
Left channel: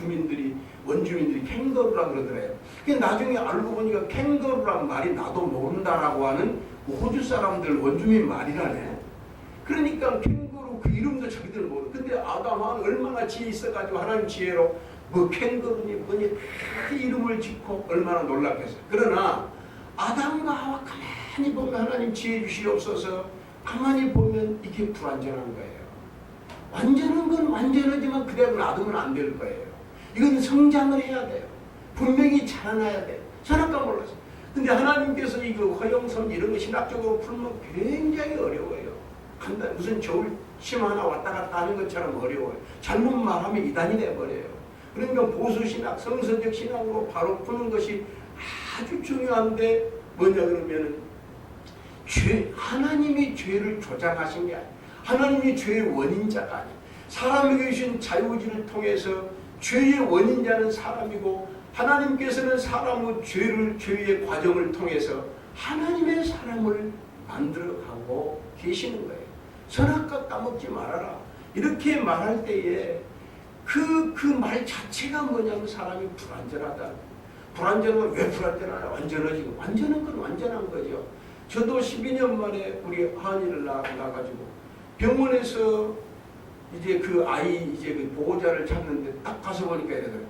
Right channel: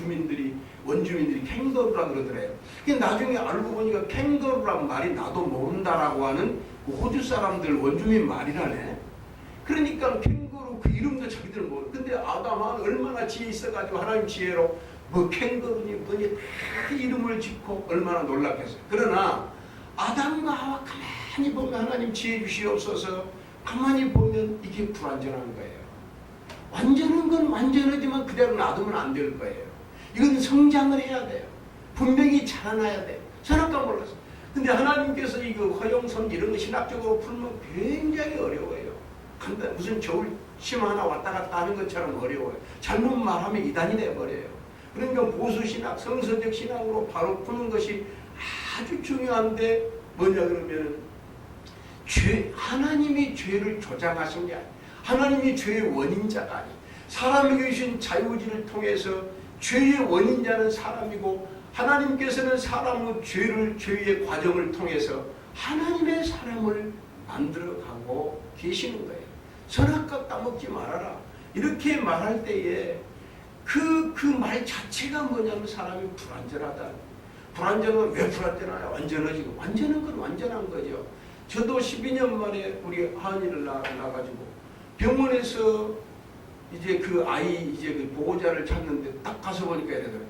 원주민들이 캥거루라 그러더래요. 나중에 알고 보니까 캥거루란 말이 나도 모른다라고 하는 호주 사람들 원주민 말이라네. 그러니까 캥거루 그 이름도 자기들 모르. 근데 아담은 얼마나 지혜 있어가지고 하나님 지혜로 뭐 캥거루니 뭐니 다 이름을 짓고 얼마나 놀랍겠어요. 그러나 아담과 하와 가만히 보면 하나님 지혜 주시옵소서. 가만히 보면 이게 불완전한 거예요. 완전한 건 완전하지만 그대로 놔두면 안 될 거예요. 이건 성장을 해야 돼요. 분명히 자라나야 돼요. 선악과 몰라서. 근데 하나님께서 이거 허용선 이런 거 신학적으로 풀면 굉장히 어려워요. 간단 무슨 겨울 치마 하나 왔다 갔다 하는 것처럼 어려워요. 잘못 말하면 이단이 돼버려요. 그러니까 보수신학, 성서적 신학으로 바로 푸는 것이 아주 중요한데 뭐냐 그러면은 하나님이 죄를 조장하신 게 아니에요. 하나님이 죄의 원인자가 아니에요. 사람에게 주신 자유의지를 통해서 죄의 원인자는 사람이고 하나님께서는 사람의 죄의 과정을 통해서 하나님의 사람을 만들어가고 계시는 거예요. 선악과 따먹지 말아라. 이렇게 말할 때에 그 말 자체가 뭐냐면 사람이 불완전하다. 불완전은 왜 불완전하냐? 완전하지. 완전한 건 완전한 거죠. 저도 12년 만에 우리 하은이를 낳아가지고 병원에서 이제 그 아이 이제 그 보호자를 찾는데 딱 가서 보니까 이러더라고요.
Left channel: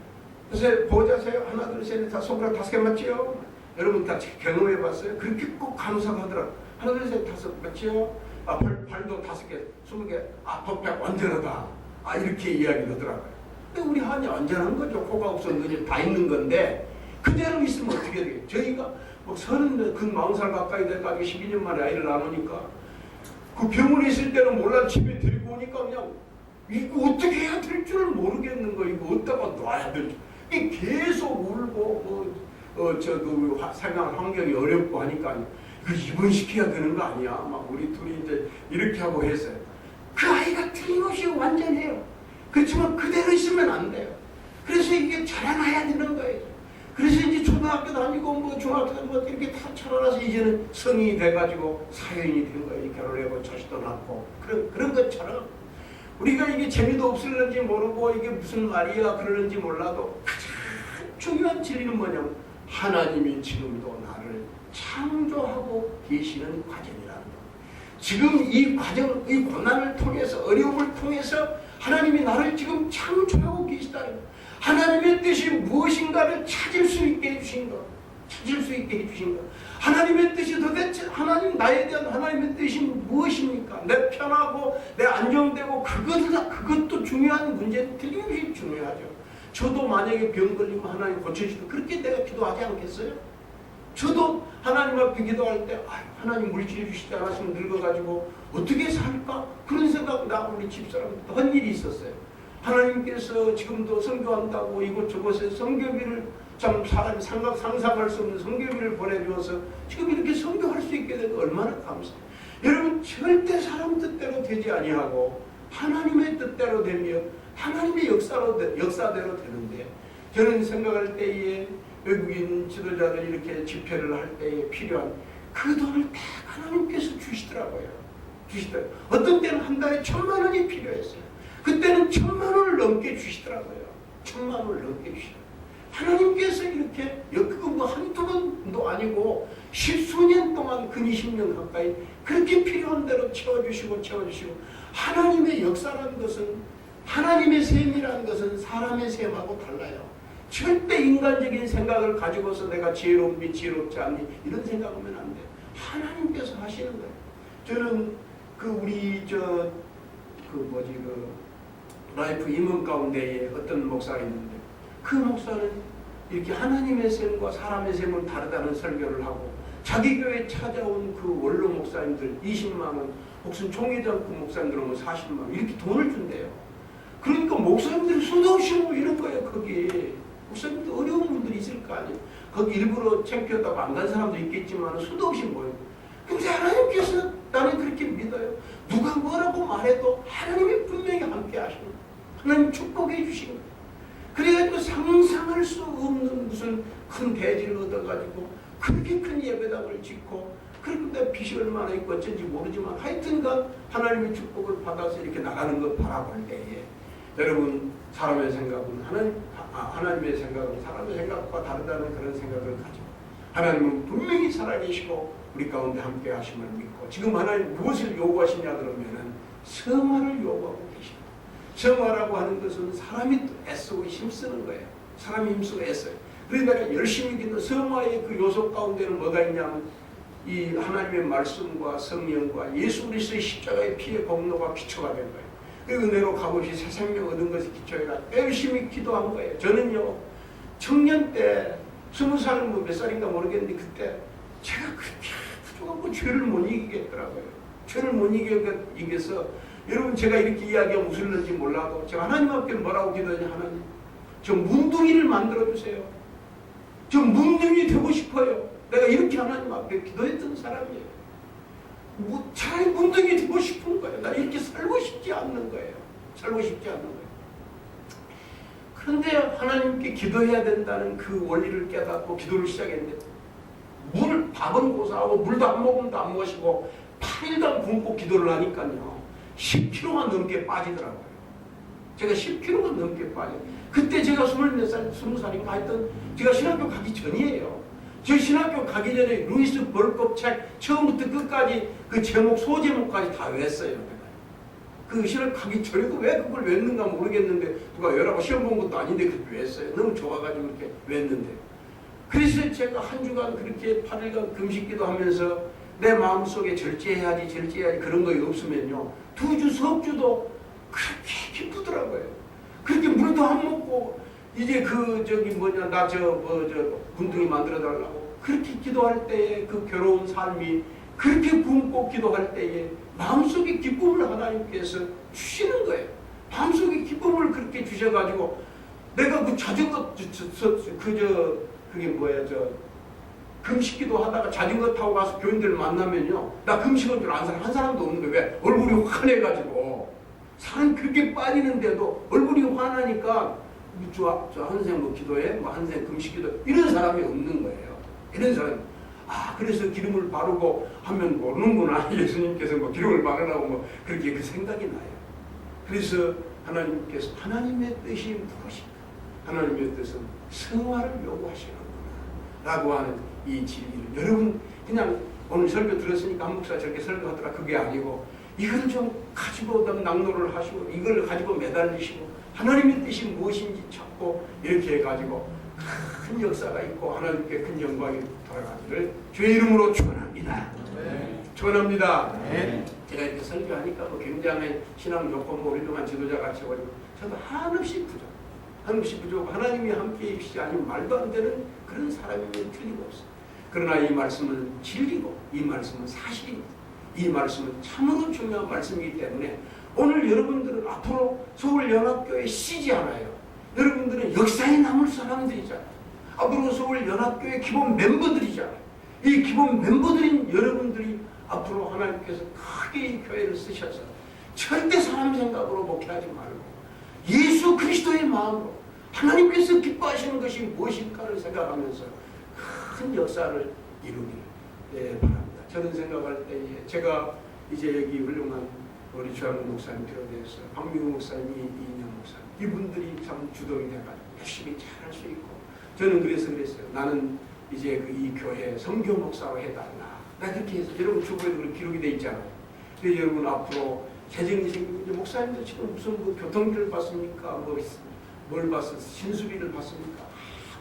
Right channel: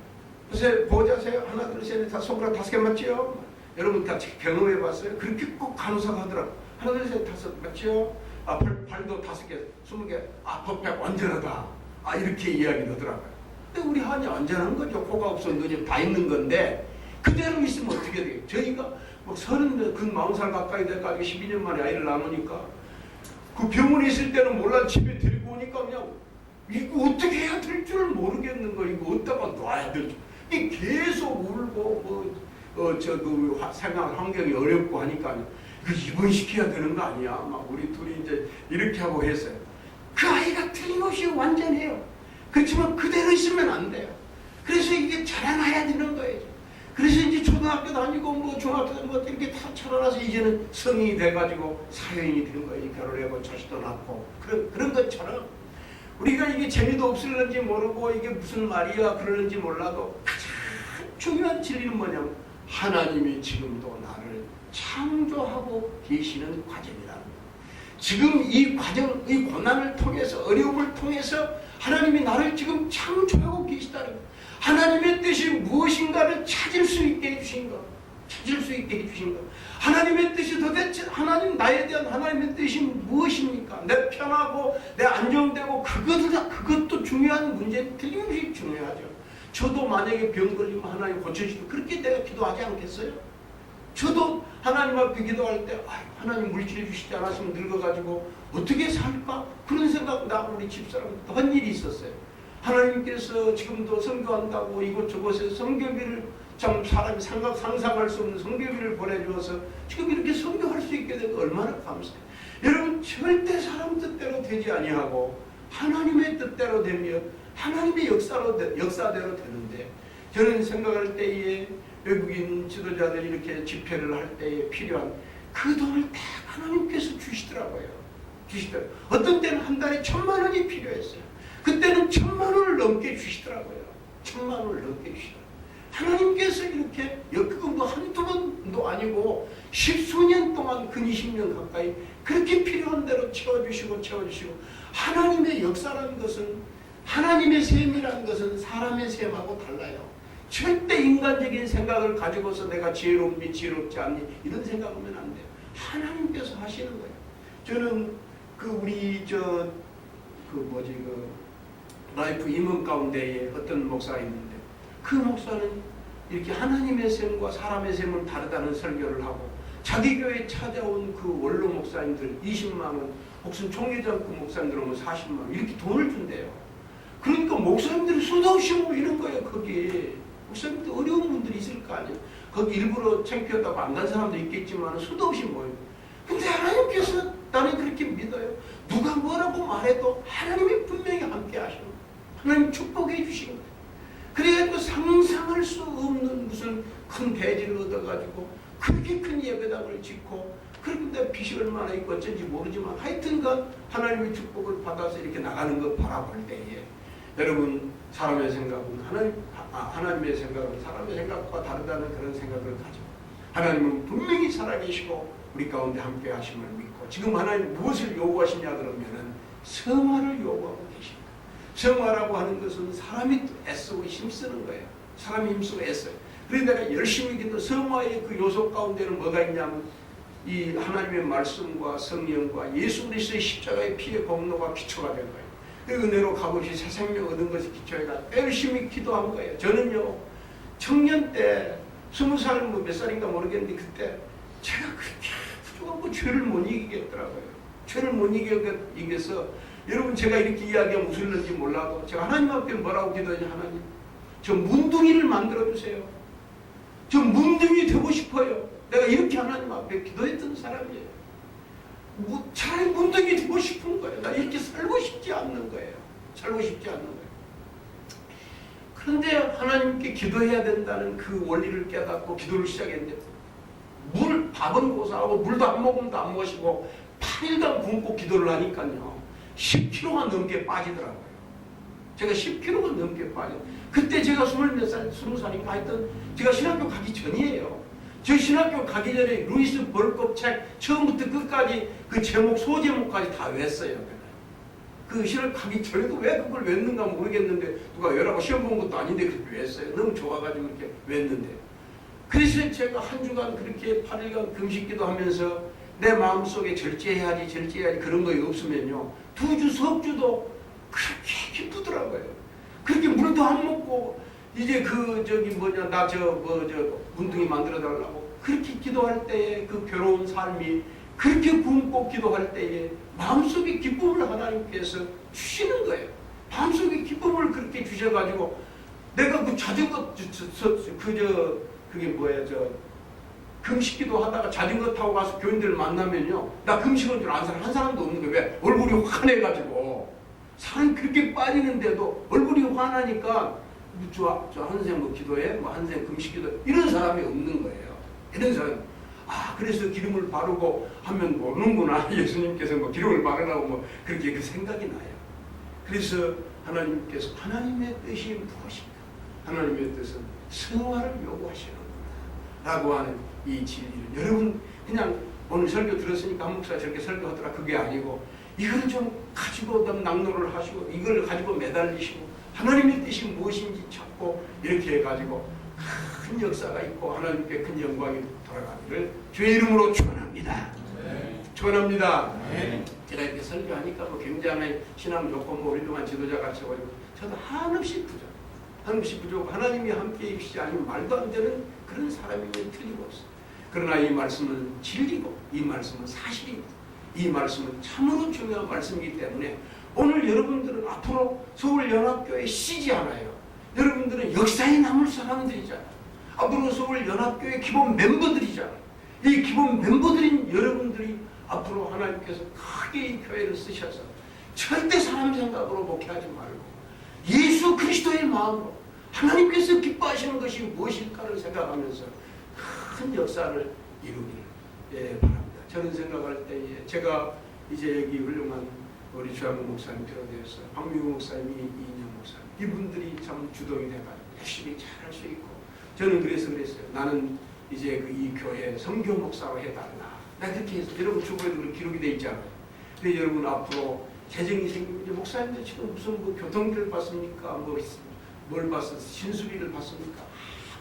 그래서 보호자세요? 하나 둘 셋 넷 다 손가락 5개 맞지요? 여러분 다 경험해 봤어요? 그렇게 꼭 간호사가 하더라고요. 하나 둘 셋 다섯 맞지요? 발도 5개 20개 도백 완전하다. 이렇게 이야기를 하더라고요. 근데 우리 하은이 완전한 거죠. 코가 없어 눈이 다 있는 건데 그대로 있으면 어떻게 돼요? 저희가 뭐 40살 가까이 돼가지고 12년 만에 아이를 낳으니까 그 병원에 있을 때는 몰라 집에 데리고 오니까 그냥 이거 어떻게 해야 될 줄 모르겠는 거. 이거 어디다가 놔야 될지. 이 계속 울고 생활 환경이 어렵고 하니까 이거 입원시켜야 되는 거 아니야? 막 우리 둘이 이제 이렇게 하고 했어요. 그 아이가 틀림없이 완전해요. 그렇지만 그대로 있으면 안 돼요. 그래서 이게 자라나야 되는 거예요. 그래서 이제 초등학교 다니고 뭐 중학교 다니고 이렇게 다 자라나서 이제는 성인이 돼가지고 사회인이 된 거예요. 결혼하고 자식도 낳고 그런 것처럼 우리가 이게 재미도 없을는지 모르고 이게 무슨 말이야 그러는지 몰라도 가장 중요한 진리는 뭐냐면 하나님이 지금도 나를 창조하고 계시는 과정이라는 거예요. 지금 이 과정, 이 고난을 통해서 어려움을 통해서 하나님이 나를 지금 창조하고 계시다는 거예요. 하나님의 뜻이 무엇인가를 찾을 수 있게 해주신 것. 찾을 수 있게 해주신 것. 하나님의 뜻이 도대체 나에 대한 하나님의 뜻이 무엇입니까? 내 편하고 내 안정되고 그것도 중요한 문제는 틀림없이 중요하죠. 저도 만약에 병 걸리면 하나님 고쳐주시고 그렇게 내가 기도하지 않겠어요? 저도 하나님 앞에 기도할 때 하나님 물질 주시지 않았으면 늙어가지고 어떻게 살까? 그런 생각 나고 우리 집사람 한 일이 있었어요. 하나님께서 지금도 선교한다고 이곳저곳에 선교비를 참 사람이 상상할 수 없는 선교비를 보내주어서 지금 이렇게 선교할 수 있게 된 거 얼마나 감사해요. 여러분 절대 사람 뜻대로 되지 아니하고 하나님의 뜻대로 되며 하나님의 역사대로 되는데 저는 생각할 때에 외국인 지도자들이 이렇게 집회를 할 때에 필요한 그 돈을 딱 하나님께서 주시더라고요. 어떤 때는 한 달에 1,000만 원이 필요했어요. 그때는 1,000만 원을 넘게 주시더라고요. 1,000만 원을 넘게 주시더라고요. 하나님께서 이렇게 그거 뭐 한두 번도 아니고 10수년 동안 근 20년 가까이 그렇게 필요한 대로 채워주시고 하나님의 역사라는 것은 하나님의 셈이라는 것은 사람의 셈하고 달라요. 절대 인간적인 생각을 가지고서 내가 지혜롭니 지혜롭지 않니 이런 생각하면 안 돼요. 하나님께서 하시는 거예요. 저는 라이프 임원 가운데에 어떤 목사가 있는데 그 목사는 이렇게 하나님의 셈과 사람의 셈은 다르다는 설교를 하고 자기 교회에 찾아온 그 원로 목사님들 20만 원, 혹은 총회장급 목사님들은 40만 원 이렇게 돈을 준대요. 그러니까 목사님들이 수도 없이 모이는 거예요. 거기 목사님들 어려운 분들이 있을 거 아니에요. 거기 일부러 창피하다고 안 간 사람들이 있겠지만 수도 없이 모여요. 근데 하나님께서 나는 그렇게 믿어요. 누가 뭐라고 말해도 하나님이 분명히 함께 하시는 거예요. 하나님 축복해 주신 거예요. 그래가지고 상상할 수 없는 무슨 큰 대지를 얻어가지고 그렇게 큰 예배당을 짓고 그런데 빚이 얼마나 있고 어쩐지 모르지만 하여튼간 하나님의 축복을 받아서 이렇게 나가는 거 바라볼 때에 여러분 사람의 생각은 하나님의 생각은 사람의 생각과 다르다는 그런 생각을 가지고 하나님은 분명히 살아계시고 우리 가운데 함께 하심을 믿고 지금 하나님 무엇을 요구하시냐 그러면은 성화를 요구하고 계십니다. 성화라고 하는 것은 사람이 애쓰고 힘쓰는 거예요. 사람이 힘쓰고 애써요. 그래서 내가 열심히 기도 성화의 그 요소 가운데는 뭐가 있냐면 이 하나님의 말씀과 성령과 예수 그리스도의 십자가의 피의 공로가 기초가 된 거예요. 그 은혜로 값없이 새 생명 얻은 것이 기초가 열심히 기도한 거예요. 저는요 청년 때 20살 뭐 몇 살인가 모르겠는데 그때 제가 그렇게 부족하고 죄를 못 이기겠더라고요. 죄를 못 이겨서 여러분 제가 이렇게 이야기하면 웃을는지 몰라도 제가 하나님 앞에 뭐라고 기도하냐. 하나님 저 문둥이를 만들어주세요. 저 문둥이 되고 싶어요. 내가 이렇게 하나님 앞에 기도했던 사람이에요. 차라리 문둥이 되고 싶은 거예요. 나 이렇게 살고 싶지 않는 거예요. 살고 싶지 않는 거예요. 그런데 하나님께 기도해야 된다는 그 원리를 깨닫고 기도를 시작했는데 밥은 고사하고 물도 한 모금도 안 마시고 8일간 굶고 기도를 하니까요 10kg가 넘게 빠지더라고요. 제가 10kg가 넘게 빠져요. 그때 제가 20몇 살, 20살인가 하여튼 제가 신학교 가기 전이에요. 저 신학교 가기 전에 루이스 벌컵 책 처음부터 끝까지 그 제목 소제목까지 다 외웠어요. 내가. 그 신학교 가기 전에도 왜 그걸 외웠는가 모르겠는데 누가 외라고 시험 본 것도 아닌데 그렇게 외웠어요. 너무 좋아가지고 그렇게 외웠는데 그래서 제가 한 주간 그렇게 8일간 금식기도 하면서 내 마음속에 절제해야지 그런 거 없으면요 2주 석주도 그렇게 기쁘더라고요. 그렇게 물도 안 먹고 이제 나 문둥이 만들어 달라고 그렇게 기도할 때에 그 괴로운 삶이 그렇게 굶고 기도할 때에 마음속에 기쁨을 하나님께서 주시는 거예요. 마음속에 기쁨을 그렇게 주셔가지고 내가 그 자전거 금식기도 하다가 자전거 타고 가서 교인들 만나면요 나 금식한 줄 아는 사람 한 사람도 없는 거예요. 왜? 얼굴이 환해가지고 사람 그렇게 빠지는데도 얼굴이 환하니까 저 한생 뭐 기도해? 뭐 한생 금식기도 이런 사람이 없는 거예요. 이런 사람. 그래서 기름을 바르고 하면 모르는구나. 예수님께서 뭐 기름을 바르라고 뭐 그렇게 그 생각이 나요. 그래서 하나님께서 하나님의 뜻이 무엇인가? 하나님의 뜻은 성화를 요구하시는구나 라고 하는 이 진리를 여러분 그냥 오늘 설교 들었으니까 한 목사 저렇게 설교하더라 그게 아니고 이걸 좀 가지고 낙노를 하시고 이걸 가지고 매달리시고 하나님의 뜻이 무엇인지 찾고 이렇게 해가지고 큰 역사가 있고 하나님께 큰 영광이 돌아가기를 주의 이름으로 축원합니다. 축원합니다. 제가 이렇게 설교하니까 뭐 굉장히 신앙 좋고 뭐 훌륭한 지도자 같이 보이고 저도 한없이 부족하고 하나님이 함께해 주시지 않으면 말도 안 되는 그런 사람이면 틀림없어요. 그러나 이 말씀은 진리고 이 말씀은 사실입니다. 이 말씀은 참으로 중요한 말씀이기 때문에 오늘 여러분들은 앞으로 서울연합교회 씨지 않아요. 여러분들은 역사에 남을 사람들이잖아요. 앞으로 서울연합교회 기본 멤버들이잖아요. 이 기본 멤버들인 여러분들이 앞으로 하나님께서 크게 이 교회를 쓰셔서 절대 사람 생각으로 목회하지 말고 예수 그리스도의 마음으로 하나님께서 기뻐하시는 것이 무엇일까를 생각하면서 큰 역사를 이루기를 바랍니다. 저는 생각할 때에 제가 이제 여기 훌륭한 우리 주한국 목사님 비롯해서 박미우 목사님, 이인영 목사님 이분들이 참 주동이 돼가지고 열심히 잘할 수 있고 저는 그래서 그랬어요. 나는 이제 이 교회 선교 목사로 해달라. 나 그렇게 해서 여러분 주보에도 기록이 돼 있잖아요. 그래서 여러분 앞으로 재정이 생기면 이제 목사님들 지금 무슨 뭐 교통비를 받습니까? 뭘 받습니까? 신수비를 받습니까?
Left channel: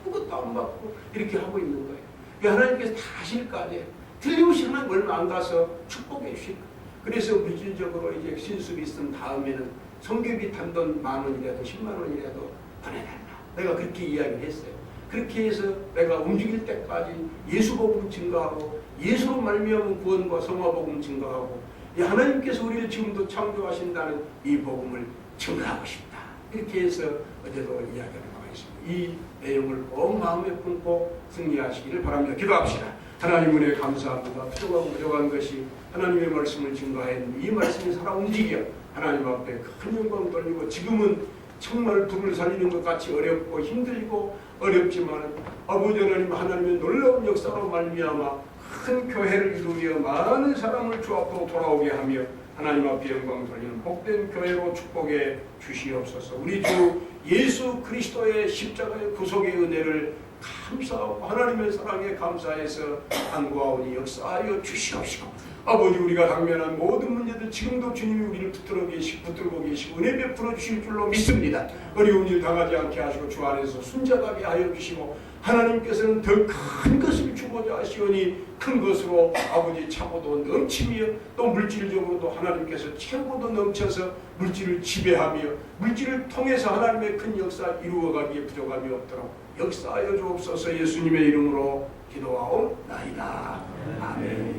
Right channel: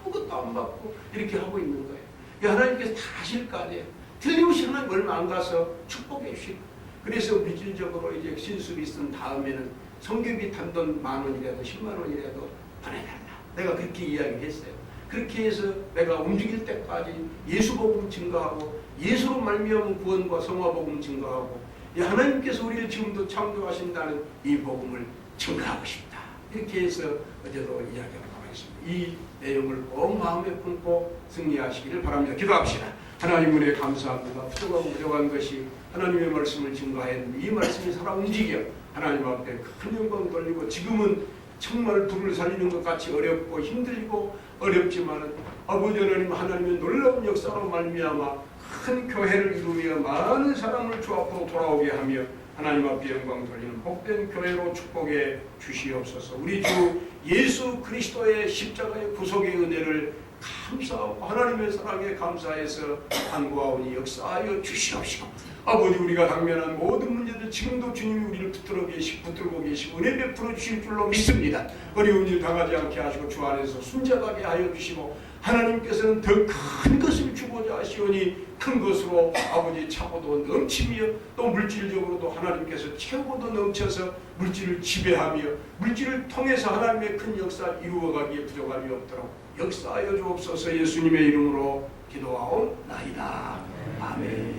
아무것도 안 받고 이렇게 하고 있는 거예요. 하나님께서 다 하실 거 아니에요. 틀림없이 하나님 얼마 안 가서 축복해 주실 거예요. 그래서 물질적으로 이제 신수비 쓴 다음에는 성교비 단돈 10,000원이라도 100,000원이라도 보내달라. 내가 그렇게 이야기를 했어요. 그렇게 해서 내가 움직일 때까지 예수 복음 증거하고 예수로 말미암은 구원과 성화 복음 증거하고 하나님께서 우리를 지금도 창조하신다는 이 복음을 증거하고 싶다. 이렇게 해서 어제도 이야기한 바가 있습니다. 이 내용을 꼭 마음에 품고 승리하시기를 바랍니다. 기도합시다. 하나님 은혜 감사합니다. 부족하고 부족한 것이 하나님의 말씀을 증거하였는데 이 말씀이 살아 움직여 하나님 앞에 큰 영광 돌리고 지금은 정말 불을 살리는 것 같이 어렵고 힘들고 어렵지만 아버지 하나님 하나님의 놀라운 역사로 말미암아 큰 교회를 이루며 많은 사람을 주 앞으로 돌아오게 하며 하나님 앞에 영광 돌리는 복된 교회로 축복해 주시옵소서. 우리 주 예수 그리스도의 십자가의 구속의 은혜를 감사하고 하나님의 사랑에 감사해서 간구하오니 역사하여 주시옵시고 아버지 우리가 당면한 모든 문제들 지금도 주님이 우리를 붙들고 계시고 은혜 베풀어 주실 줄로 믿습니다. 어려운 일 당하지 않게 하시고 주 안에서 순잡하게 하여 주시고 하나님께서는 더 큰 것을 주고자 하시오니 큰 것으로 아버지 차고도 넘치며 또 물질적으로도 하나님께서 채우고도 넘쳐서 물질을 지배하며 물질을 통해서 하나님의 큰 역사 이루어가기에 부족함이 없도록 역사하여 주옵소서. 예수님의 이름으로 기도하옵나이다. 아멘.